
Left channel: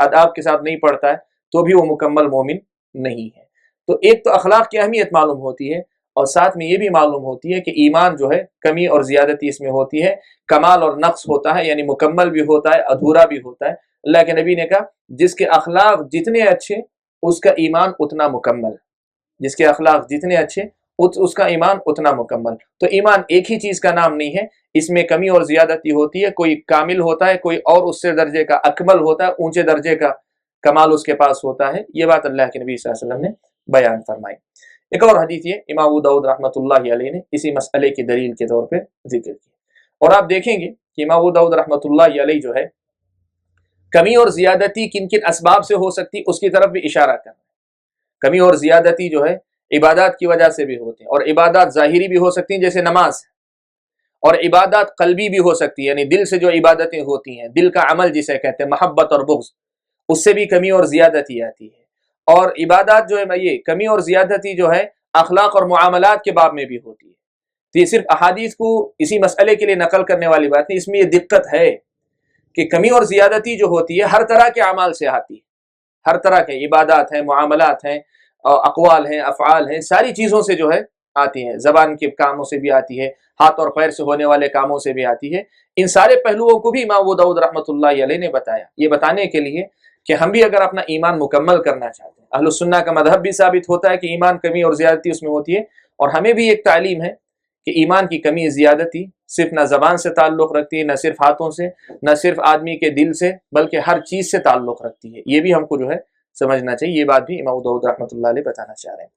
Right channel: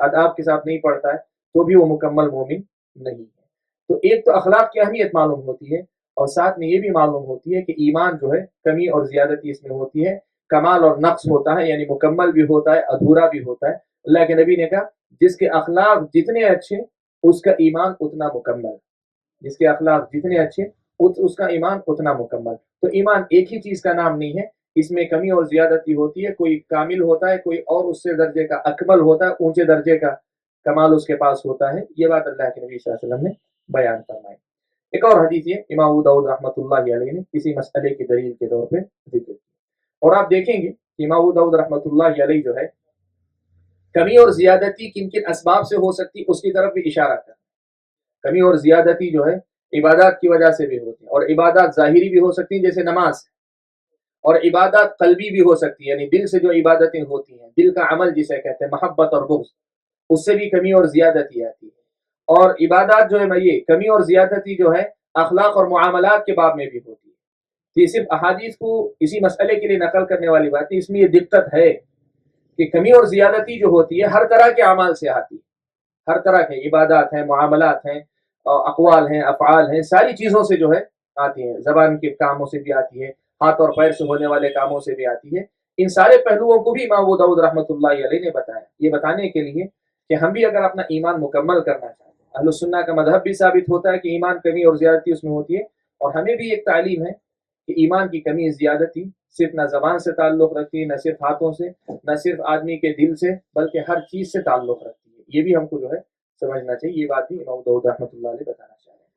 آداب کے ساتھ نہیں پڑھتا ہے تو بھی وہ مکمل مومن نہیں ہے۔ تو ایک تو اخلاق کی اہمیت معلوم ہوتی ہے، اور ساتھ میں یہ بھی معلوم ہوتی ہے کہ ایمان جو ہے کمی اور زیادتی اس میں ہوتی ہے، کمال اور نقص ہوتا ہے، یعنی مکمل بھی ہوتا ہے ادھورا بھی ہوتا ہے۔ اللہ کے نبی نے کہا جس کے اخلاق جتنے اچھے اس کا ایمان اتنا مکمل، جس کے اخلاق جتنے اچھے اس کا ایمان اتنا مکمل۔ تو ایمان ایک ہی چیز کا نام نہیں ہے، اس میں کمی اور زیادتی ہوتی ہے، کوئی کامل ہوتا ہے، کوئی اور اس سے درجے کا اکمل ہوتا ہے، اونچے درجے کا کمال اس کے پاس ہوتا ہے۔ یہ بات اللہ کے نبی صلی اللہ علیہ وسلم نے بیان فرمائی۔ ایک اور حدیث یہ امام ابو داؤد رحمۃ اللہ علیہ نے اسی مسئلے کی دلیل کے طور پہ ذکر کی، اور آپ دیکھیں گے کہ امام ابو داؤد رحمۃ اللہ علیہ جو ہے کمی اور زیادتی کن کن اسباب سے ہو سکتی اس کی طرف بھی اشارہ کر۔ کمی اور زیادتی جو ہے عبادات کی وجہ سے بھی ہوتے ہیں، اور عبادات ظاہری بھی ہو سکتی ہیں جیسے نماز، اور عبادات قلبی بھی ہو سکتی ہے، یعنی دل سے جو عبادتیں ہوتی ہیں، دل کا عمل جسے کہتے ہیں محبت اور بغض، اس سے بھی کمی اور زیادتی آتی ہے۔ اور عبادات جو ہے یہ کمی اور زیادتی جو ہے اخلاق اور معاملات کے باب میں بھی ہوتی ہے۔ تو یہ صرف احادیث کو اسی مسئلے کے لیے نقل کرنے والی بات نہیں، اس میں یہ دقت ہے کہ کمی اور زیادتی جو ہوتی ہے ہر طرح کے اعمال سے آتی ہے، ہر طرح کے عبادات ہیں، معاملات ہیں، اقوال ہیں، افعال ہیں، ساری چیزوں سے جو ہے آتی ہے، زبان کے کاموں سے بھی آتی ہے، ہاتھ اور پیر سے ہونے والے کاموں سے بھی آتی ہے۔ ان سارے پہلوؤں کو بھی امام ابو داؤد رحمۃ اللہ علیہ نے بتایا، یہ بتانے کے لیے کہ ہم بھی اگر اپنا ایمان مکمل کرنا چاہتے ہیں، اہل السنہ کا مذہب بھی ثابت ہوتا ہے کہ ایمان کمی اور زیادتی اس میں ہوتی ہے، اور ہمیں بھی ایک تعلیم ہے کہ ایمان کی کمی زیادتی صرف نہ زبان سے تعلق رکھتی ہے، نہ صرف ہاتھوں سے، نہ صرف آدمی کے دل سے، بلکہ ہر چیز سے تعلق رکھتی ہے۔ یہ بھی ہم کو جو ہے سمجھنا چاہیے، یہ بات بھی امام ابو داؤد رحمۃ اللہ علیہ بتانا چاہ رہے ہیں۔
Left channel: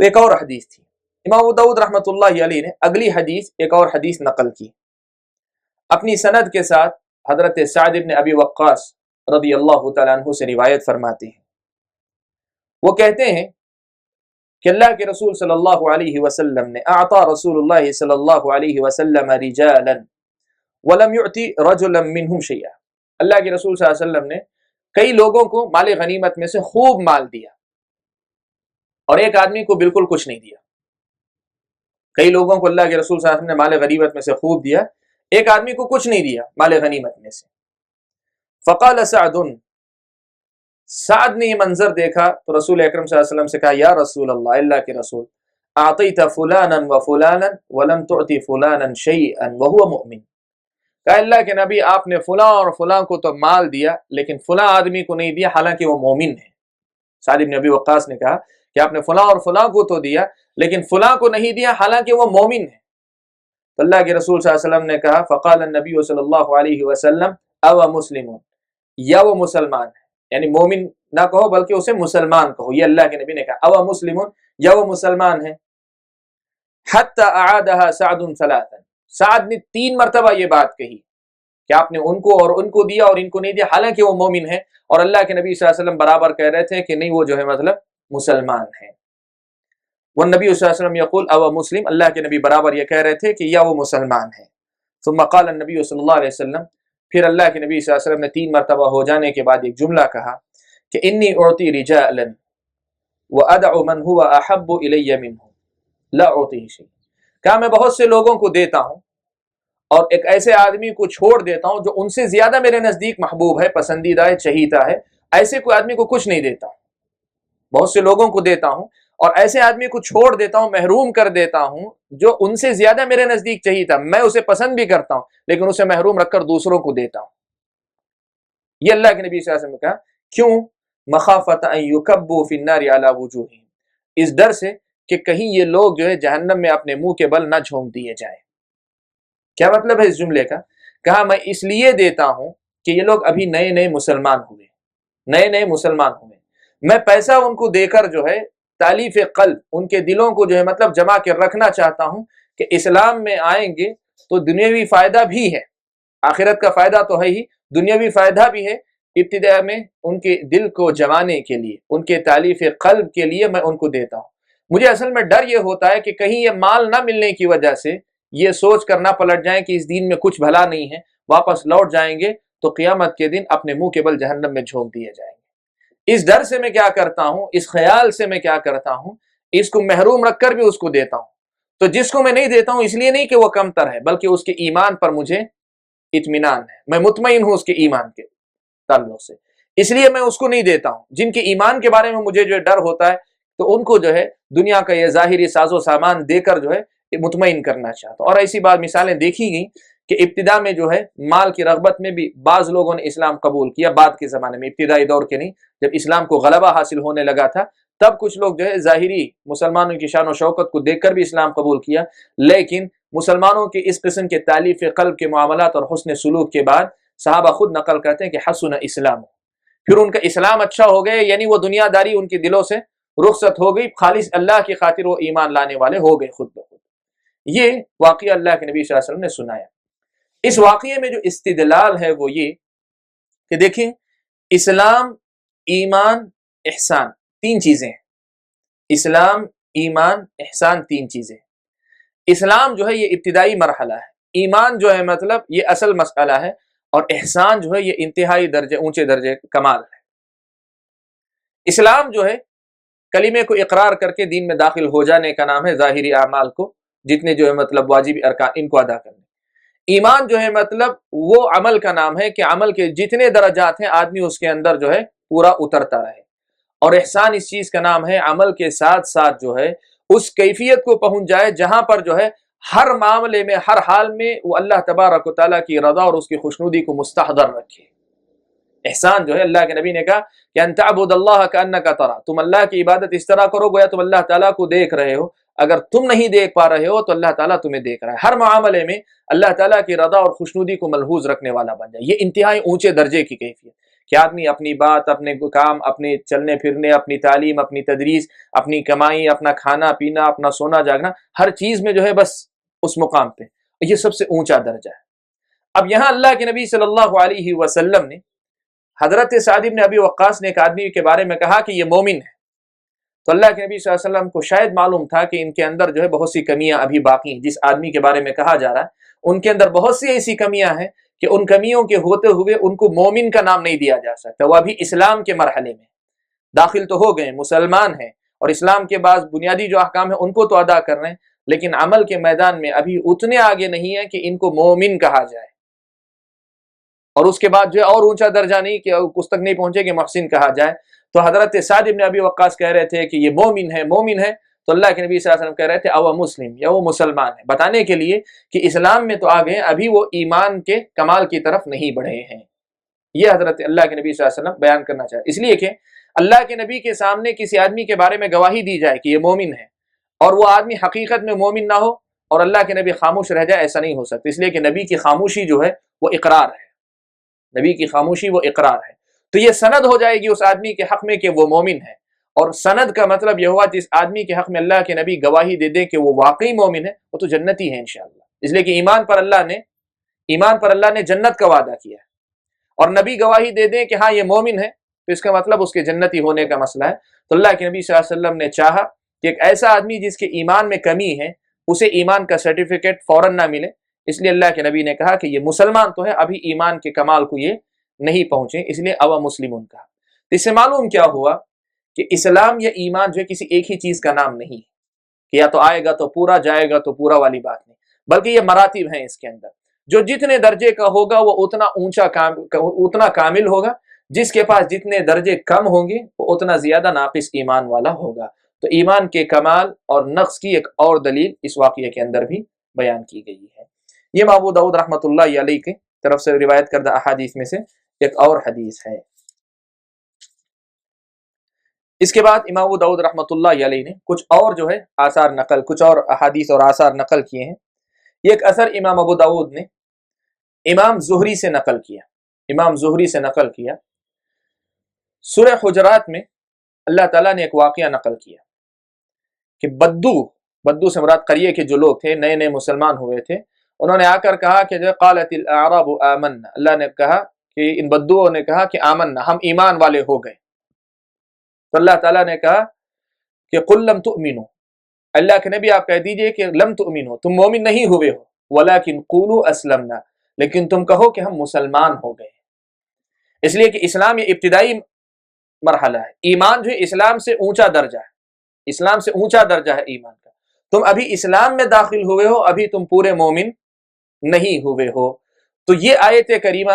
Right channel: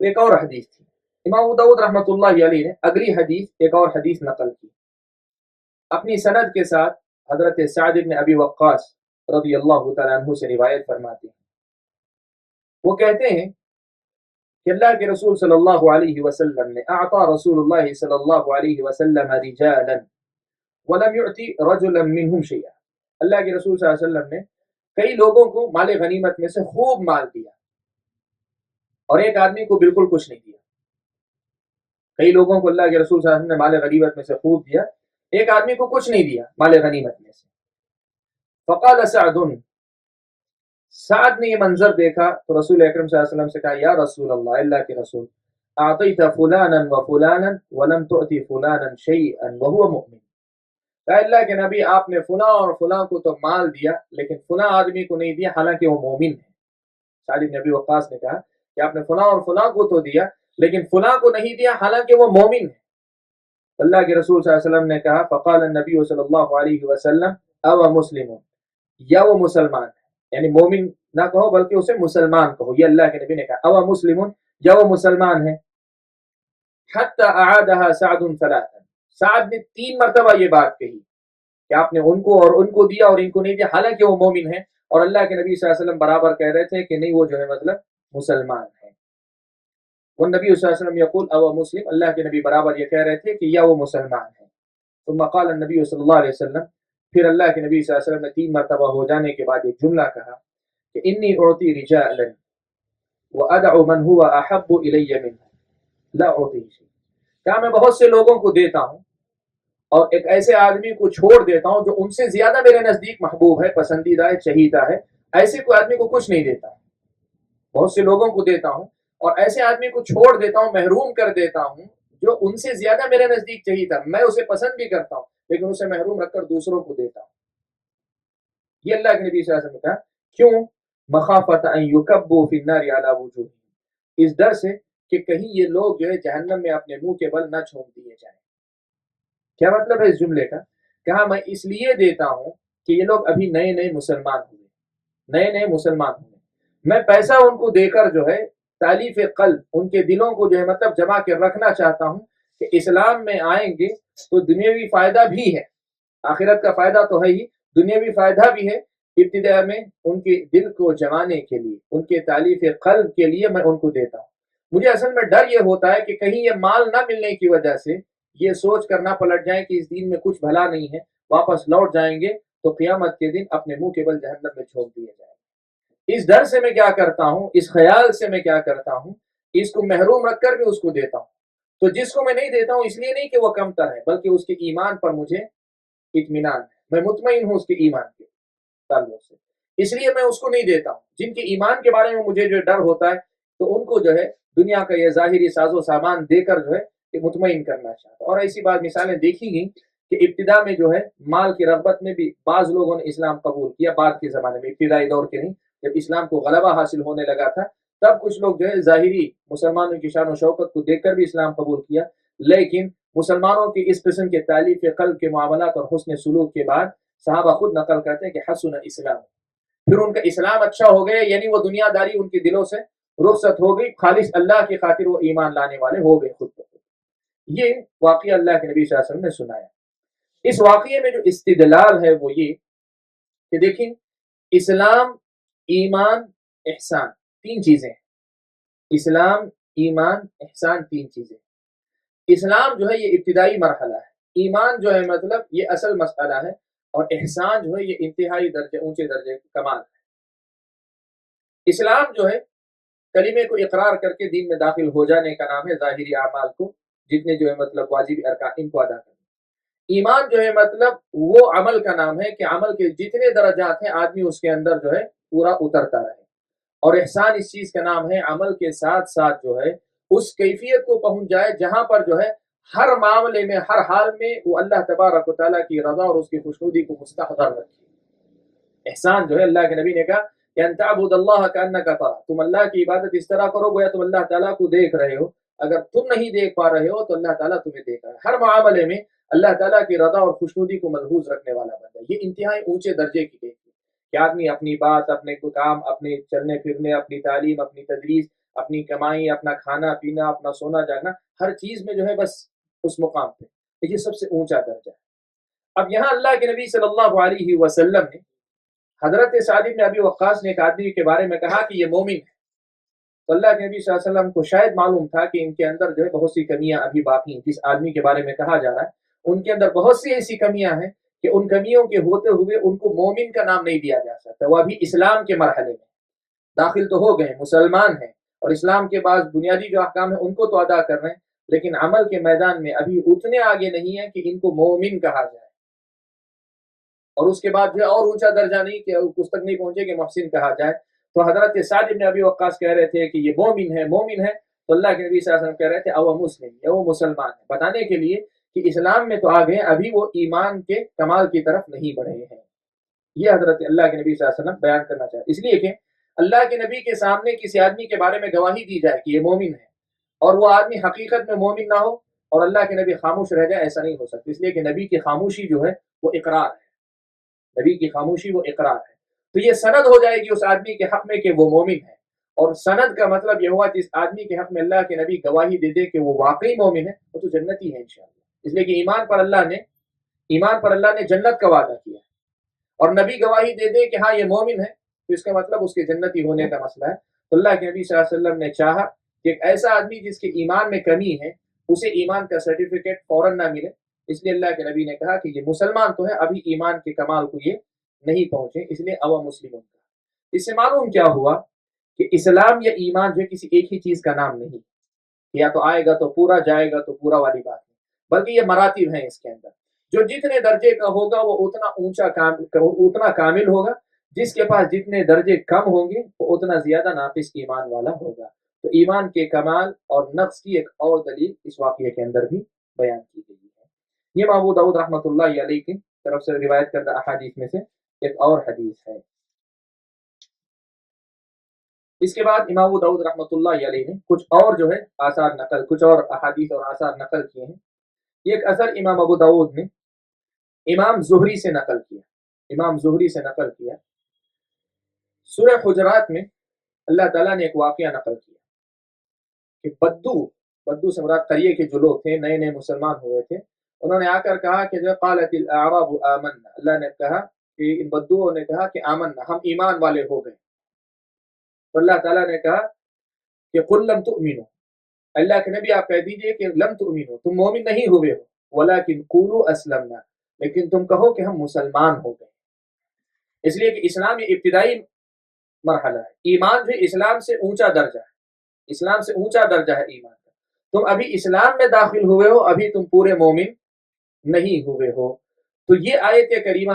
تو ایک اور حدیث تھی، امام ابو داؤد رحمۃ اللہ علیہ نے اگلی حدیث ایک اور حدیث نقل کی اپنی سند کے ساتھ، حضرت سعد بن ابی وقاص رضی اللہ تعالیٰ عنہ سے روایت فرماتے ہیں۔ وہ کہتے ہیں کہ اللہ کے رسول صلی اللہ علیہ وسلم نے اعطا رسول اللہ صلی اللہ علیہ وسلم رجالا ولم يعطي رجلا منهم شيئا۔ اللہ کے رسول صلی اللہ علیہ وسلم نے کئی لوگوں کو مال غنیمت میں سے خوب مال دیا، اور ایک آدمی کو بالکل کچھ نہیں دیا۔ کئی لوگوں کو اللہ کے رسول صلی اللہ علیہ وسلم نے مال غنیمت میں سے خوب دیا، ایک آدمی کو کچھ نہیں دیا مال غنیمت میں سے۔ فقال سعد، سعد نے یہ منظر دیکھا تو رسول اکرم صلی اللہ علیہ وسلم سے کہا یا رسول اللہ، اللہ کے رسول، اعطیت فلانا وفلانا ولم تعطی فلانا شیئا وهو مؤمن۔ کہا اللہ کے نبی آپ نے فلاں اور فلاں کو تو مال دیا لیکن فلاں آدمی کو نہیں دیا حالانکہ وہ مومن ہے۔ سعد بن ابی وقاص نے کہا کہ آپ نے فلاں اور فلاں کو تو دیا لیکن فلاں کو نہیں دیا حالانکہ وہ مومن ہے۔ تو اللہ کے رسول صلی اللہ علیہ وسلم نے کہا فقال النبی صلی اللہ علیہ وسلم او مسلم، یا وہ مسلمان ہے، یعنی مومن نہ کہو بلکہ اسے مسلمان کہو، یہ اللہ کے نبی نے کہا او مسلم، یا وہ مسلمان ہے۔ حتی اعادها سعد ثلاثا، سعد نے 3 مرتبہ یہ بات کہی کہ آپ نے ان کو اور ان کو دیا اور ان کو نہیں دیا حالانکہ وہ مومن ہے، اور اللہ کے نبی صلی اللہ علیہ وسلم برابر کہہ رہے تھے کہ نہیں وہ جو ہے مطلب مسلمان ہے۔ والنبی صلی اللہ علیہ وسلم یقول او مسلم، اللہ کے نبی برابر یہ کہہ رہے تھے کہ یا وہ مسلمان ہے۔ ثم قال النبی صلی اللہ علیہ وسلم، پھر اللہ کے نبی صلی اللہ علیہ وسلم نے 3 مرتبہ ہو جانے کے بعد ایک جملہ کہا کہ انی اعطی رجالا وادع من هو احب الی منه لا اعطی شیء، کہا میں بہت سے لوگوں کو دیتا ہوں اور ایک ایسے آدمی کو چھوڑ دیتا ہوں جو ان سے زیادہ میرے نزدیک محبوب ہے، پسندیدہ ہے، چہیتا ہے، ایسے کوئی آدمی کو کچھ نہیں دیتا ہوں، بہت سے لوگوں کو دیتا ہوں، اور ایسے آدمی کو چھوڑ دیتا ہوں، محروم کر دیتا ہوں جو ان سے زیادہ میرے نزدیک چہیتا، میں اسے پسند بھی کرتا ہوں لیکن اسے محروم رکھ کر دوسروں کو دیتا ہوں۔ یہ اللہ کے نبی صلی اللہ علیہ وسلم نے کہا، کیوں؟ مخافت ان یکبوا فی النار علی وجوہہم، اس ڈر سے کہ کہیں یہ لوگ جو ہے جہنم میں اپنے منہ کے بل نہ جھونک دیے جائیں۔ کیا مطلب ہے اس جملے کا؟ کہا میں اس لیے دیتا ہوں کہ یہ لوگ ابھی نئے نئے مسلمان ہوئے، مسلمان ہوئے، میں پیسہ ان کو دے کر جو ہے تالیف قلب، ان کے دلوں کو جو ہے مطلب جما کے رکھنا چاہتا ہوں کہ اسلام میں آئیں گے تو دنیاوی فائدہ بھی ہے، آخرت کا فائدہ تو ہے ہی، دنیاوی فائدہ بھی ہے۔ ابتدا میں ان کے دل کو جمانے کے لیے، ان کے تالیف قلب کے لیے میں ان کو دیتا ہوں۔ مجھے اصل میں ڈر یہ ہوتا ہے کہ کہیں یہ مال نہ ملنے کی وجہ سے یہ سوچ کر نہ پلٹ جائیں کہ اس دین میں کچھ بھلا نہیں ہے، واپس لوٹ جائیں گے تو قیامت کے دن اپنے منہ کے بل جہنم میں جھونک دیے جائیں گے۔ اس ڈر سے میں کیا کرتا ہوں، اس خیال سے میں کیا کرتا ہوں، اس کو محروم رکھ کر بھی اس کو دیتا ہوں۔ تو جس کو میں نہیں دیتا ہوں اس لیے نہیں کہ وہ کمتر ہے، بلکہ اس کے ایمان پر مجھے اطمینان ہے، میں مطمئن ہوں اس کے ایمان کے تعلق سے، اس لیے میں اس کو نہیں دیتا ہوں۔ جن کے ایمان کے بارے میں مجھے جو ڈر ہوتا ہے تو ان کو جو ہے دنیا کا یہ ظاہری ساز و سامان دے کر جو ہے مطمئن کرنا چاہتا ہوں۔ اور ایسی بات مثالیں دیکھی گئی کہ ابتدا میں جو ہے مال کی رغبت میں بھی بعض لوگوں نے اسلام قبول کیا، بعد کے زمانے میں، ابتدائی دور کے نہیں، جب اسلام کو غلبہ حاصل ہونے لگا تھا تب کچھ لوگ جو ہے ظاہری مسلمانوں کی شان و شوکت کو دیکھ کر بھی اسلام قبول کیا، لیکن مسلمانوں کی اس قسم کے تالیف قلب کے معاملات اور حسن سلوک کے بعد صحابہ خود نقل کرتے ہیں کہ حسن اسلام، پھر ان کا اسلام اچھا ہو گیا، یعنی وہ دنیا داری ان کے دلوں سے رخصت ہو گئی، خالص اللہ کی خاطر وہ ایمان لانے والے ہو گئے خود بخود۔ یہ واقعہ اللہ کے نبی صلی اللہ علیہ وسلم نے سنایا۔ اس واقعے میں جو استدلال ہے وہ یہ کہ دیکھیں، اسلام، ایمان، احسان، تین چیزیں ہیں۔ اسلام، ایمان، احسان، تین چیزیں۔ اسلام جو ہے یہ ابتدائی مرحلہ ہے، ایمان جو ہے مطلب یہ اصل مسئلہ ہے، اور احسان جو ہے یہ انتہائی درجے، اونچے درجے کمال ہے۔ اسلام جو ہے کلمے کو اقرار کر کے دین میں داخل ہو جانے کا نام ہے، ظاہری اعمال کو جتنے جو ہے مطلب واجب ارکان ان کو ادا کرنے۔ ایمان جو ہے مطلب وہ عمل کا نام ہے کہ عمل کے جتنے درجات ہیں آدمی اس کے اندر جو ہے پورا اترتا رہے۔ اور احسان اس چیز کا نام ہے عمل کے ساتھ ساتھ جو ہے اس کیفیت کو پہنچ جائے جہاں پر جو ہے ہر معاملے میں، ہر حال میں وہ اللہ تبارک و تعالیٰ کی رضا اور اس کی خوشنودی کو مستحضر رکھے۔ احسان جو ہے اللہ کے نبی نے کہا کہ ان تعبد اللہ کانک ترا، تم اللہ کی عبادت اس طرح کرو گویا تم اللہ تعالیٰ کو دیکھ رہے ہو، اگر تم نہیں دیکھ پا رہے ہو تو اللہ تعالیٰ تمہیں دیکھ رہا ہے۔ ہر معاملے میں اللہ تعالیٰ کی رضا اور خوشنودی کو ملحوظ رکھنے والا بن جائے، یہ انتہائی اونچے درجے کی کیفیت کہ آدمی اپنی بات، اپنے کام، اپنے چلنے پھرنے، اپنی تعلیم، اپنی تدریس، اپنی کمائی، اپنا کھانا پینا، اپنا سونا جاگنا، ہر چیز میں جو ہے بس اس مقام پہ، یہ سب سے اونچا درجہ ہے۔ اب یہاں اللہ کے نبی صلی اللہ علیہ وسلم نے حضرت سعد بن ابی وقاص نے ایک آدمی کے بارے میں کہا کہ یہ مومن ہے، تو اللہ کے نبی صلی اللہ علیہ وسلم کو شاید معلوم تھا کہ ان کے اندر جو ہے بہت سی کمیاں ابھی باقی ہیں، جس آدمی کے بارے میں کہا جا رہا ہے ان کے اندر بہت سی ایسی کمیاں ہیں کہ ان کمیوں کے ہوتے ہوئے ان کو مومن کا نام نہیں دیا جا سکتا، وہ ابھی اسلام کے مرحلے میں داخل تو ہو گئے، مسلمان ہیں، اور اسلام کے بعض بنیادی جو احکام ہیں ان کو تو ادا کر رہے ہیں، لیکن عمل کے میدان میں ابھی اتنے آگے نہیں ہیں کہ ان کو مومن کہا جائے، اور اس کے بعد جو ہے اور اونچا درجہ نہیں کہ اس تک نہیں پہنچے کہ محسن کہا جائے۔ تو حضرت سعد بن ابی وقاص کہہ رہے تھے کہ یہ مومن ہے، مومن ہے، تو اللہ کے نبی صلی اللہ علیہ وسلم کہہ رہے تھے او مسلم، یا وہ مسلمان ہے، بتانے کے لیے کہ اسلام میں تو آگے ہیں، ابھی وہ ایمان کے کمال کی طرف نہیں بڑھے ہیں۔ یہ حضرت اللہ کے نبی صلی اللہ علیہ وسلم بیان کرنا چاہتے، اس لیے کہ اللہ کے نبی کے سامنے کسی آدمی کے بارے میں گواہی دی جائے کہ یہ مومن ہے، اور وہ آدمی حقیقت میں مومن نہ ہو اور اللہ کے نبی خاموش رہ جائے، ایسا نہیں ہو سکتا، اس لیے کہ نبی کی خاموشی جو ہے وہ اقرار ہے، نبی کی خاموشی وہ اقرار ہے، تو یہ سند ہو جائے گی اس آدمی کے حق میں کہ وہ مومن ہے، اور سند کا مطلب یہ ہوا جس آدمی کے حق میں اللہ کے نبی گواہی دے دیں کہ وہ واقعی مومن ہے وہ تو جنتی ہے انشاءاللہ، اس لیے کہ ایمان پر اللہ نے جنت کا وعدہ کیا ہے، اور نبی گواہی دے دے کہ ہاں یہ مومن ہے تو اس کا مطلب اس کے جنتی ہونے کا مسئلہ ہے۔ تو اللہ کے نبی صلی اللہ علیہ وسلم نے چاہا کہ ایک ایسا آدمی جس کے ایمان میں کمی ہے اسے ایمان کا سرٹیفکیٹ فوراً نہ ملے، اس لیے اللہ کے نبی نے کہا کہ یہ مسلمان تو ہے، ابھی ایمان کے کمال کو یہ نہیں پہنچے، اس لیے او مسلمون کا۔ اس سے معلوم کیا ہوا کہ اسلام یا ایمان جو ہے کسی ایک ہی چیز کا نام نہیں کہ یا تو آئے گا تو پورا، جائے گا تو پورا والی بات نہیں، بلکہ یہ مراتب ہیں اس کے اندر۔ جو جتنے درجے کا ہوگا وہ اتنا کامل ہوگا، جس کے پاس جتنے درجے کم ہوں گے وہ اتنا زیادہ ناقص ایمان والا ہوگا۔ تو ایمان کے کمال اور نقص کی ایک اور دلیل اس واقعے کے اندر بھی بیان کی گئی ہے۔ یہ امام ابو داؤد رحمۃ اللہ علیہ کی طرف سے روایت کردہ احادیث میں سے ایک اور حدیث ہے۔ اس کے بعد امام ابو داؤد رحمۃ اللہ علیہ نے کچھ اور جو ہے کچھ اور احادیث اور آثار نقل کیے ہیں۔ یہ ایک اثر امام ابو داؤد نے امام زہری سے نقل کیا۔ سورہ حجرات میں اللہ تعالیٰ نے ایک واقعہ نقل کیا کہ بدو سے مراد قریے کے جو لوگ تھے، نئے نئے مسلمان ہوئے تھے، انہوں نے آ کر کہا کہ جو قالت الاعراب آمنا، اللہ نے کہا کہ ان بدوؤں نے کہا کہ آمنا، ہم ایمان والے ہو گئے۔ تو اللہ تعالیٰ نے کہا کہ قل لم تؤمنوا، اللہ کے نبی آپ کہہ دیجئے کہ لم تؤمنوا، تم مومن نہیں ہوئے ہو، ولکن قولوا اسلمنا، لیکن تم کہو کہ ہم مسلمان ہو گئے۔ اس لیے کہ اسلام یہ ابتدائی مرحلہ ہے، ایمان جو ہے اسلام سے اونچا درجہ ہے ایمان کا۔ تم ابھی اسلام میں داخل ہوئے ہو، ابھی تم پورے مومن نہیں ہوئے ہو۔ تو یہ آیت کریمہ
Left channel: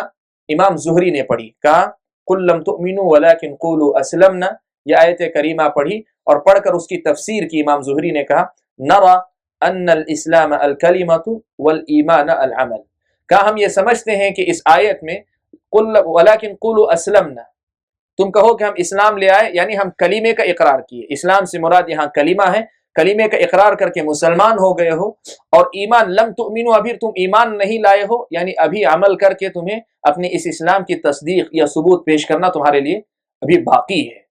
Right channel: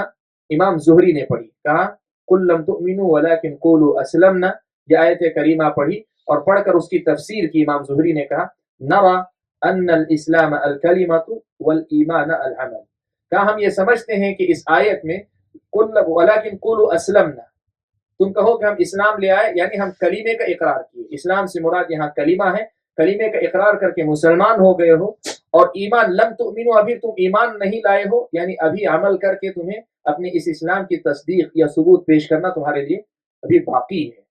امام زہری نے پڑھی، کہا قل لم تؤمنوا ولکن قولوا اسلمنا، یہ آیت کریمہ پڑھی اور پڑھ کر اس کی تفسیر کی۔ امام زہری نے کہا نرى ان الاسلام الکلمۃ والایمان العمل، کہا ہم یہ سمجھتے ہیں کہ اس آیت میں قل ولکن قولوا اسلمنا، تم کہو کہ ہم اسلام لے آئے، یعنی ہم کلمے کا اقرار کیے۔ اسلام سے مراد یہاں کلمہ ہے، کلمے کا اقرار کر کے مسلمان ہو گئے ہو۔ اور ایمان لم تؤمنوا، ابھی تم ایمان نہیں لائے ہو، یعنی ابھی عمل کر کے تمہیں اپنی اس اسلام کی تصدیق یا ثبوت پیش کرنا تمہارے لیے ابھی باقی ہے۔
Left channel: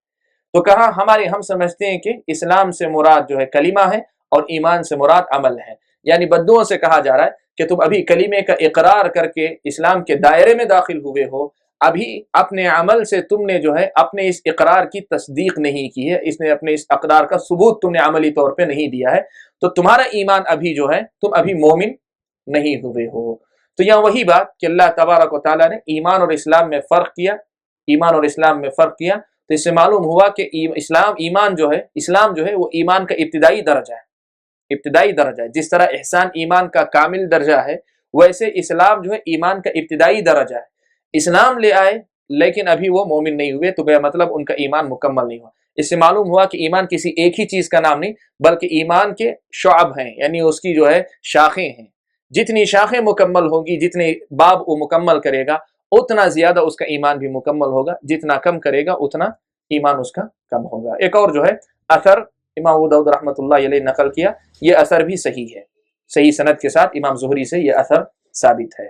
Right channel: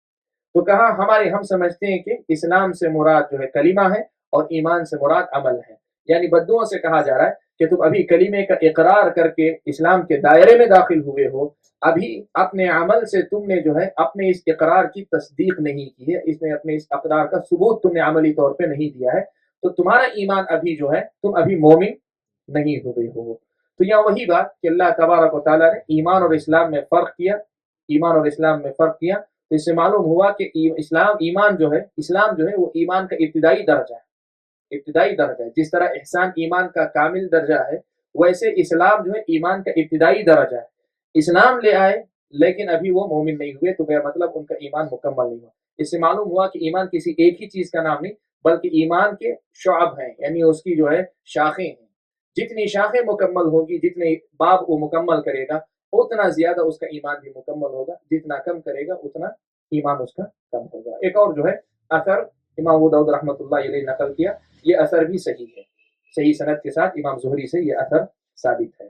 تو کہا ہم سمجھتے ہیں کہ اسلام سے مراد جو ہے کلمہ ہے اور ایمان سے مراد عمل ہے، یعنی بدوؤں سے کہا جا رہا ہے کہ تم ابھی کلمے کا اقرار کر کے اسلام کے دائرے میں داخل ہوئے ہو، ابھی اپنے عمل سے تم نے جو ہے اپنے اس اقرار کی تصدیق نہیں کی ہے، اپنے اس اقرار کا ثبوت تم نے عملی طور پہ نہیں دیا ہے، تو تمہارا ایمان ابھی جو ہے تم ابھی مومن نہیں ہوئے ہو۔ تو یہاں وہی بات کہ اللہ تبارک و تعالیٰ نے ایمان اور اسلام میں فرق کیا، تو اس سے معلوم ہوا کہ اسلام جو ہے وہ ایمان کا ابتدائی درجہ ہے۔ جس طرح احسان ایمان کا کامل درجہ ہے، ویسے اسلام جو ہے ایمان کا ابتدائی درجہ ہے۔ اسلام لے آئے لیکن ابھی وہ مومن نہیں ہوئے، تو بے مطلب ان کا ایمان مکمل نہیں ہوا۔ اس سے معلوم ہوا کہ ایمان کسی ایک ہی چیز کا نام نہیں، بلکہ ایمان کے شعب ہیں، یعنی اس کی جو ہے شاخیں ہیں۔ جتنی شاخیں مکمل ہوں گی، جتنے باب وہ مکمل کرے گا، اتنا زیادہ اس کا ایمان بھی مکمل ہوگا، جتنا کم کرے گا اتنا ایمان اس کا کم ہوگا۔ ایک اور جو ہے اثر امام ابو داؤد رحمۃ اللہ علیہ نقل کیا، یہ اثر بھی صحیح ہے، صحیح سند کے ساتھ امام زہری سے یہ اثر ثابت ہے۔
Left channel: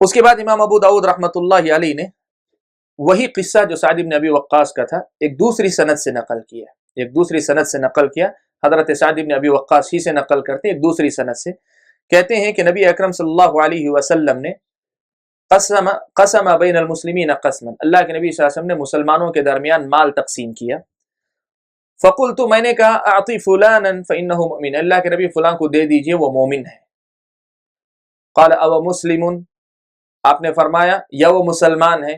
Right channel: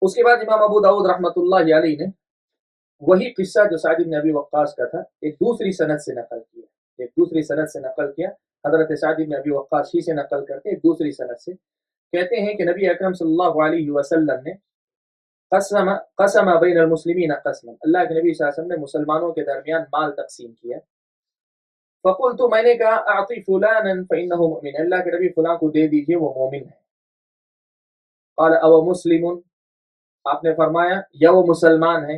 اس کے بعد امام ابو داؤد رحمۃ اللہ علیہ نے وہی قصہ جو سعد بن ابی وقاص کا تھا ایک دوسری سند سے نقل کیا۔ حضرت سعد بن ابی وقاص ہی سے نقل کرتے ہیں ایک دوسری سند سے، کہتے ہیں کہ نبی اکرم صلی اللہ علیہ وسلم نے قسم بین المسلمین قسما، اللہ کے نبی صلی اللہ علیہ وسلم نے مسلمانوں کے درمیان مال تقسیم کیا۔ فقلت، میں نے کہا اعطی فلانا فانہ مؤمن، اللہ کے نبی فلاں کو دے دیجئے وہ مومن ہے۔ قال او مسلم، آپ نے فرمایا یا وہ مسلمان ہے۔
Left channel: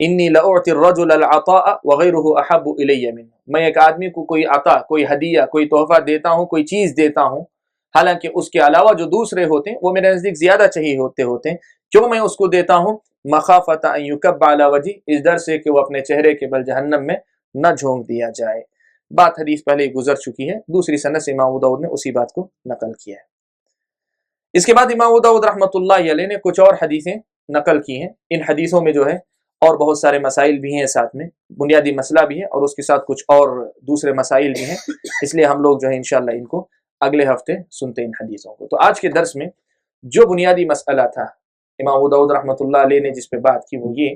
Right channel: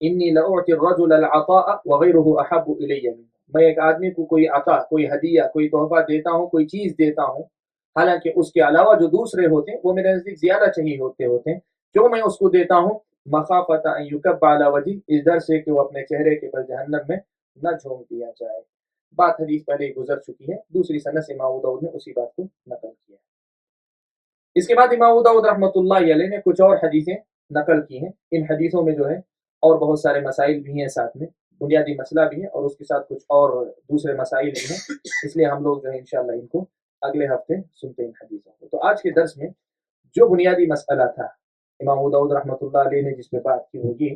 انی لاعطی الرجل العطاء وغیرہ احب الی منہ، میں ایک آدمی کو کوئی عطا، کوئی ہدیہ، کوئی تحفہ دیتا ہوں، کوئی چیز دیتا ہوں، حالانکہ اس کے علاوہ جو دوسرے ہوتے ہیں وہ میرے نزدیک زیادہ چاہیے ہوتے ہیں۔ کیوں میں اس کو دیتا ہوں؟ مخافۃ ان یکب علی وجہ، اس ڈر سے کہ وہ اپنے چہرے کے بل جہنم میں نہ جھونک دیا جائے۔ بات حدیث پہلے ہی گزر چکی ہے، دوسری سند سے امام ابو داؤد نے اسی بات کو نقل کیا ہے۔ اس کے بعد امام ابو داؤد رحمۃ اللہ علیہ نے کچھ اور حدیثیں نقل کی ہیں۔ ان حدیثوں میں جو ہے اور بہت سارے مسائل بھی ہیں، ساتھ میں بنیادی مسئلہ بھی ہے اور اس کے ساتھ کچھ اور دوسرے مسائل بھی ہیں، اس لیے ہم لوگ جو ہے انشاءاللہ ان کو اگلے ہفتے سنتے ہیں ان حدیثوں کو۔ تو آج کے درس میں جو بنیادی مسئلہ تھا امام ابو داؤد رحمۃ اللہ علیہ نے جس پہ بات کی، وہ یہ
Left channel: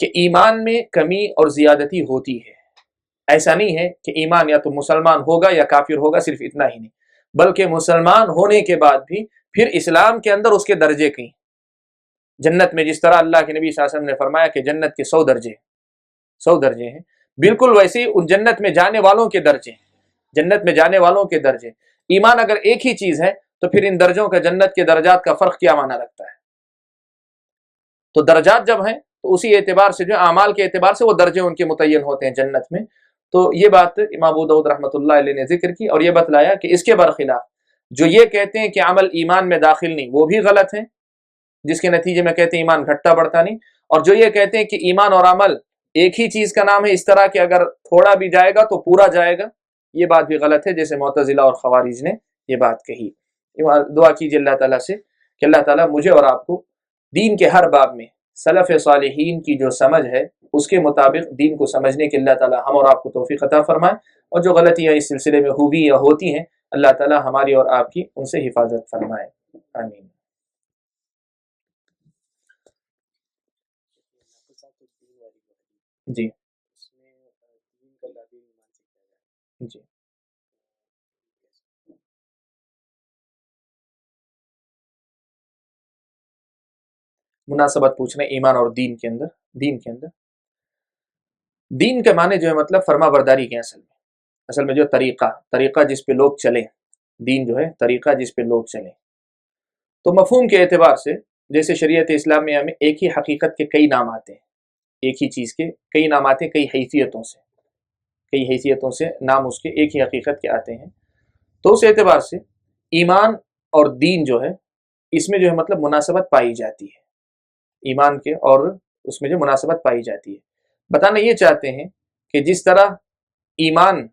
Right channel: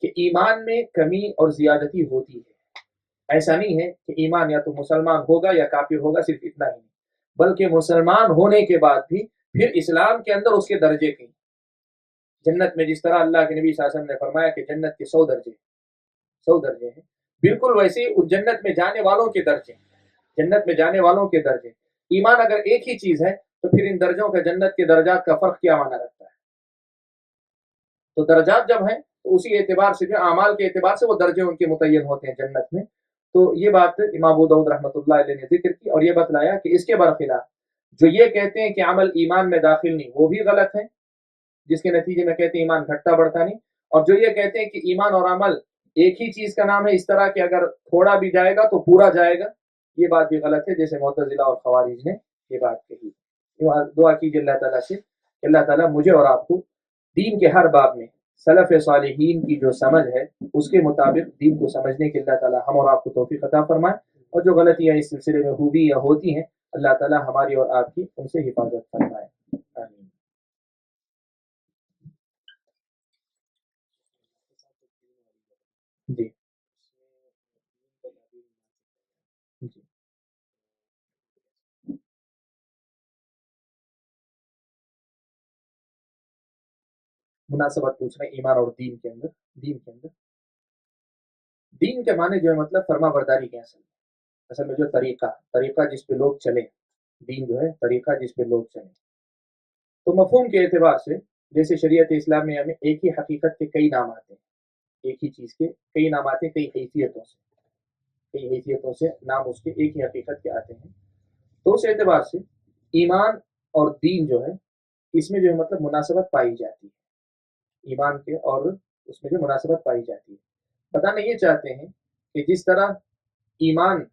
کہ ایمان میں کمی اور زیادتی ہوتی ہے۔ ایسا نہیں ہے کہ ایمان یا تو مسلمان ہوگا یا کافر ہوگا، صرف اتنا ہی نہیں، بلکہ مسلمان ہونے کے بعد بھی پھر اسلام کے اندر اس کے درجے کہیں۔ جنت میں جس طرح اللہ کے نبی صلی اللہ علیہ وسلم نے فرمایا کہ جنت کے 100 درجے ہیں، بالکل ویسے ہی ان جنت میں جانے والوں کے درجے۔ ایمان اگر ایک ہی چیز ہے تو پھر ان درجوں کا، جنت کے درجات کا فرق کیا معنی رکھتا ہے؟ تو درجات جب ہیں تو اسی اعتبار سے جو اعمال کے اعتبار سے وہ درجے ان کے متعین ہوتے ہیں جنت میں۔ تو یہ بات امام ابو داؤد رحمۃ اللہ علیہ نے ذکر کی اور یہ بتلایا کہ اس کے برخلاف جو یہ کہتے ہیں کہ عمل ایمان میں داخل نہیں، وہ بھی غلط ہیں، جس کے نتیجے میں کہتے ہیں ایمان گھٹتا بڑھتا نہیں، اور جو یہ کہتے ہیں کہ ایمان اور عمل ایک ہی چیز کا نام ہے، اس طرح کہ اگر تھوڑا بھی جائے گا تو پورا جائے گا، یہ بات بھی غلط ہے، جیسے معتزلہ اور خوارج نے یہ بات کہی۔ دعا کیجیے اللہ تعالیٰ سے کہ اللہ تعالیٰ مجھے اور آپ کو دین کے ہر باب میں سلف صالحین کی جو سمجھ ہے اس کے مطابق دین کو سمجھنے کے اللہ تعالیٰ ہم اور آپ کو توفیق عطا فرمائے، اور جو غلطیاں اس سلسلے میں ہوئی یا ہوتی ہیں اللہ تعالیٰ ہماری اور آپ کی ان سے حفاظت فرمائے، آمین۔ جی جی مناسبت پوچھ رہے ہیں ایمان اور دین کے اندر۔ دین کے اندر دین کے معنی جو ہے مطلب فرما برداری کے، اصل میں جو طریقہ جس پہ لوگ چلیں، دین جو ہے طریقہ جس پہ لوگ چلیں، تو مفہوم کے اعتبار سے جیسے شریعت اسلامیہ میں ایک ہی حقیقت کے کئی نام آتے ہیں، ایک ہی چیز کے کئی نام آتے ہیں، کئی حیثیتوں سے نام اس کے ایک ہی حقیقت کے آتے ہیں، تو اس اعتبار سے ایمان اور دین جو ہے اس میں جو ہے مطلب مناسبت پائی جاتی ہے، ایمان کے اور اس میں جو مناسبت پائی جاتی ہے۔ بتانا یہ چاہتے ہیں کہ جس طرح ایمان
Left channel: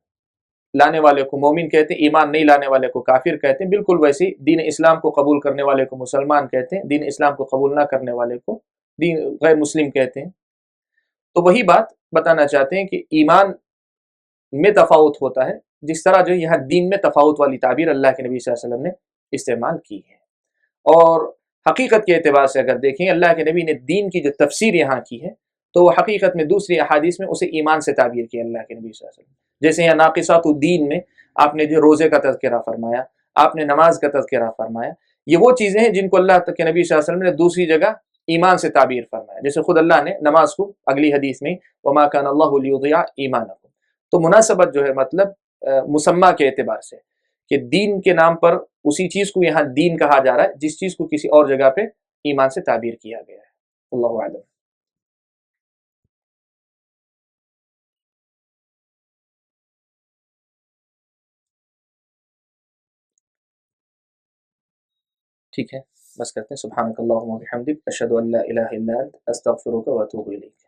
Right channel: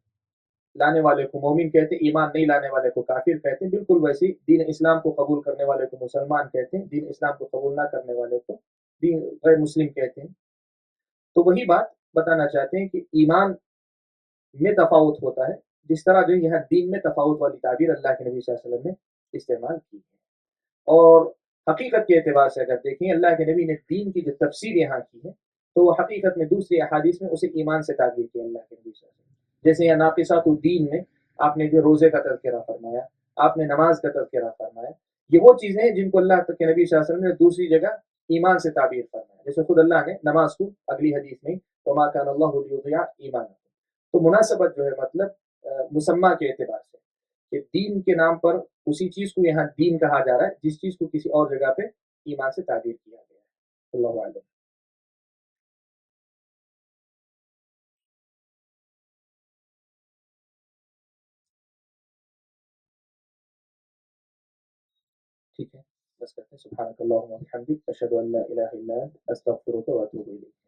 لانے والے کو مومن کہتے ہیں، ایمان نہیں لانے والے کو کافر کہتے ہیں، بالکل ویسے ہی دین اسلام کو قبول کرنے والے کو مسلمان کہتے ہیں، دین اسلام کو قبول نہ کرنے والے کو دین غیر مسلم کہتے ہیں۔ تو وہی بات بتانا چاہتے ہیں کہ ایمان میں تفاوت ہوتا ہے، جس طرح جو یہاں دین میں تفاوت والی تعبیر اللہ کے نبی صلی اللہ علیہ وسلم نے استعمال کی ہے۔ اور حقیقت کے اعتبار سے اگر دیکھیں اللہ کے نبی نے دین کی جو تفسیر یہاں کی ہے تو وہ حقیقت میں دوسری احادیث میں اسے ایمان سے تعبیر کیا اللہ کے نبی صلی اللہ علیہ وسلم، جیسے یہاں ناقصات الدین میں آپ نے جو روزے کا تذکرہ فرمایا، آپ نے نماز کا تذکرہ فرمایا، یہ وہ چیزیں ہیں جن کو اللہ کے نبی صلی اللہ علیہ وسلم نے دوسری جگہ ایمان سے تعبیر فرمایا، جیسے خود اللہ نے نماز کو اگلی حدیث میں وما کان اللہ لیضیع ایمانکم، تو مناسبت جو ہے مطلب مسمہ کے اعتبار سے کہ دین کے نام پر اسی چیز کو یہاں دین کہا جا رہا ہے جس چیز کو کسی اور جگہ پہ ایمان سے تعبیر کیا گیا ہے۔ اللہ اعلم۔ ٹھیک ہے، بس کرتے ہیں۔ سبحانک اللہم و بحمدک، اشہد ان لا الہ الا انت، استغفرک و اتوب الیک۔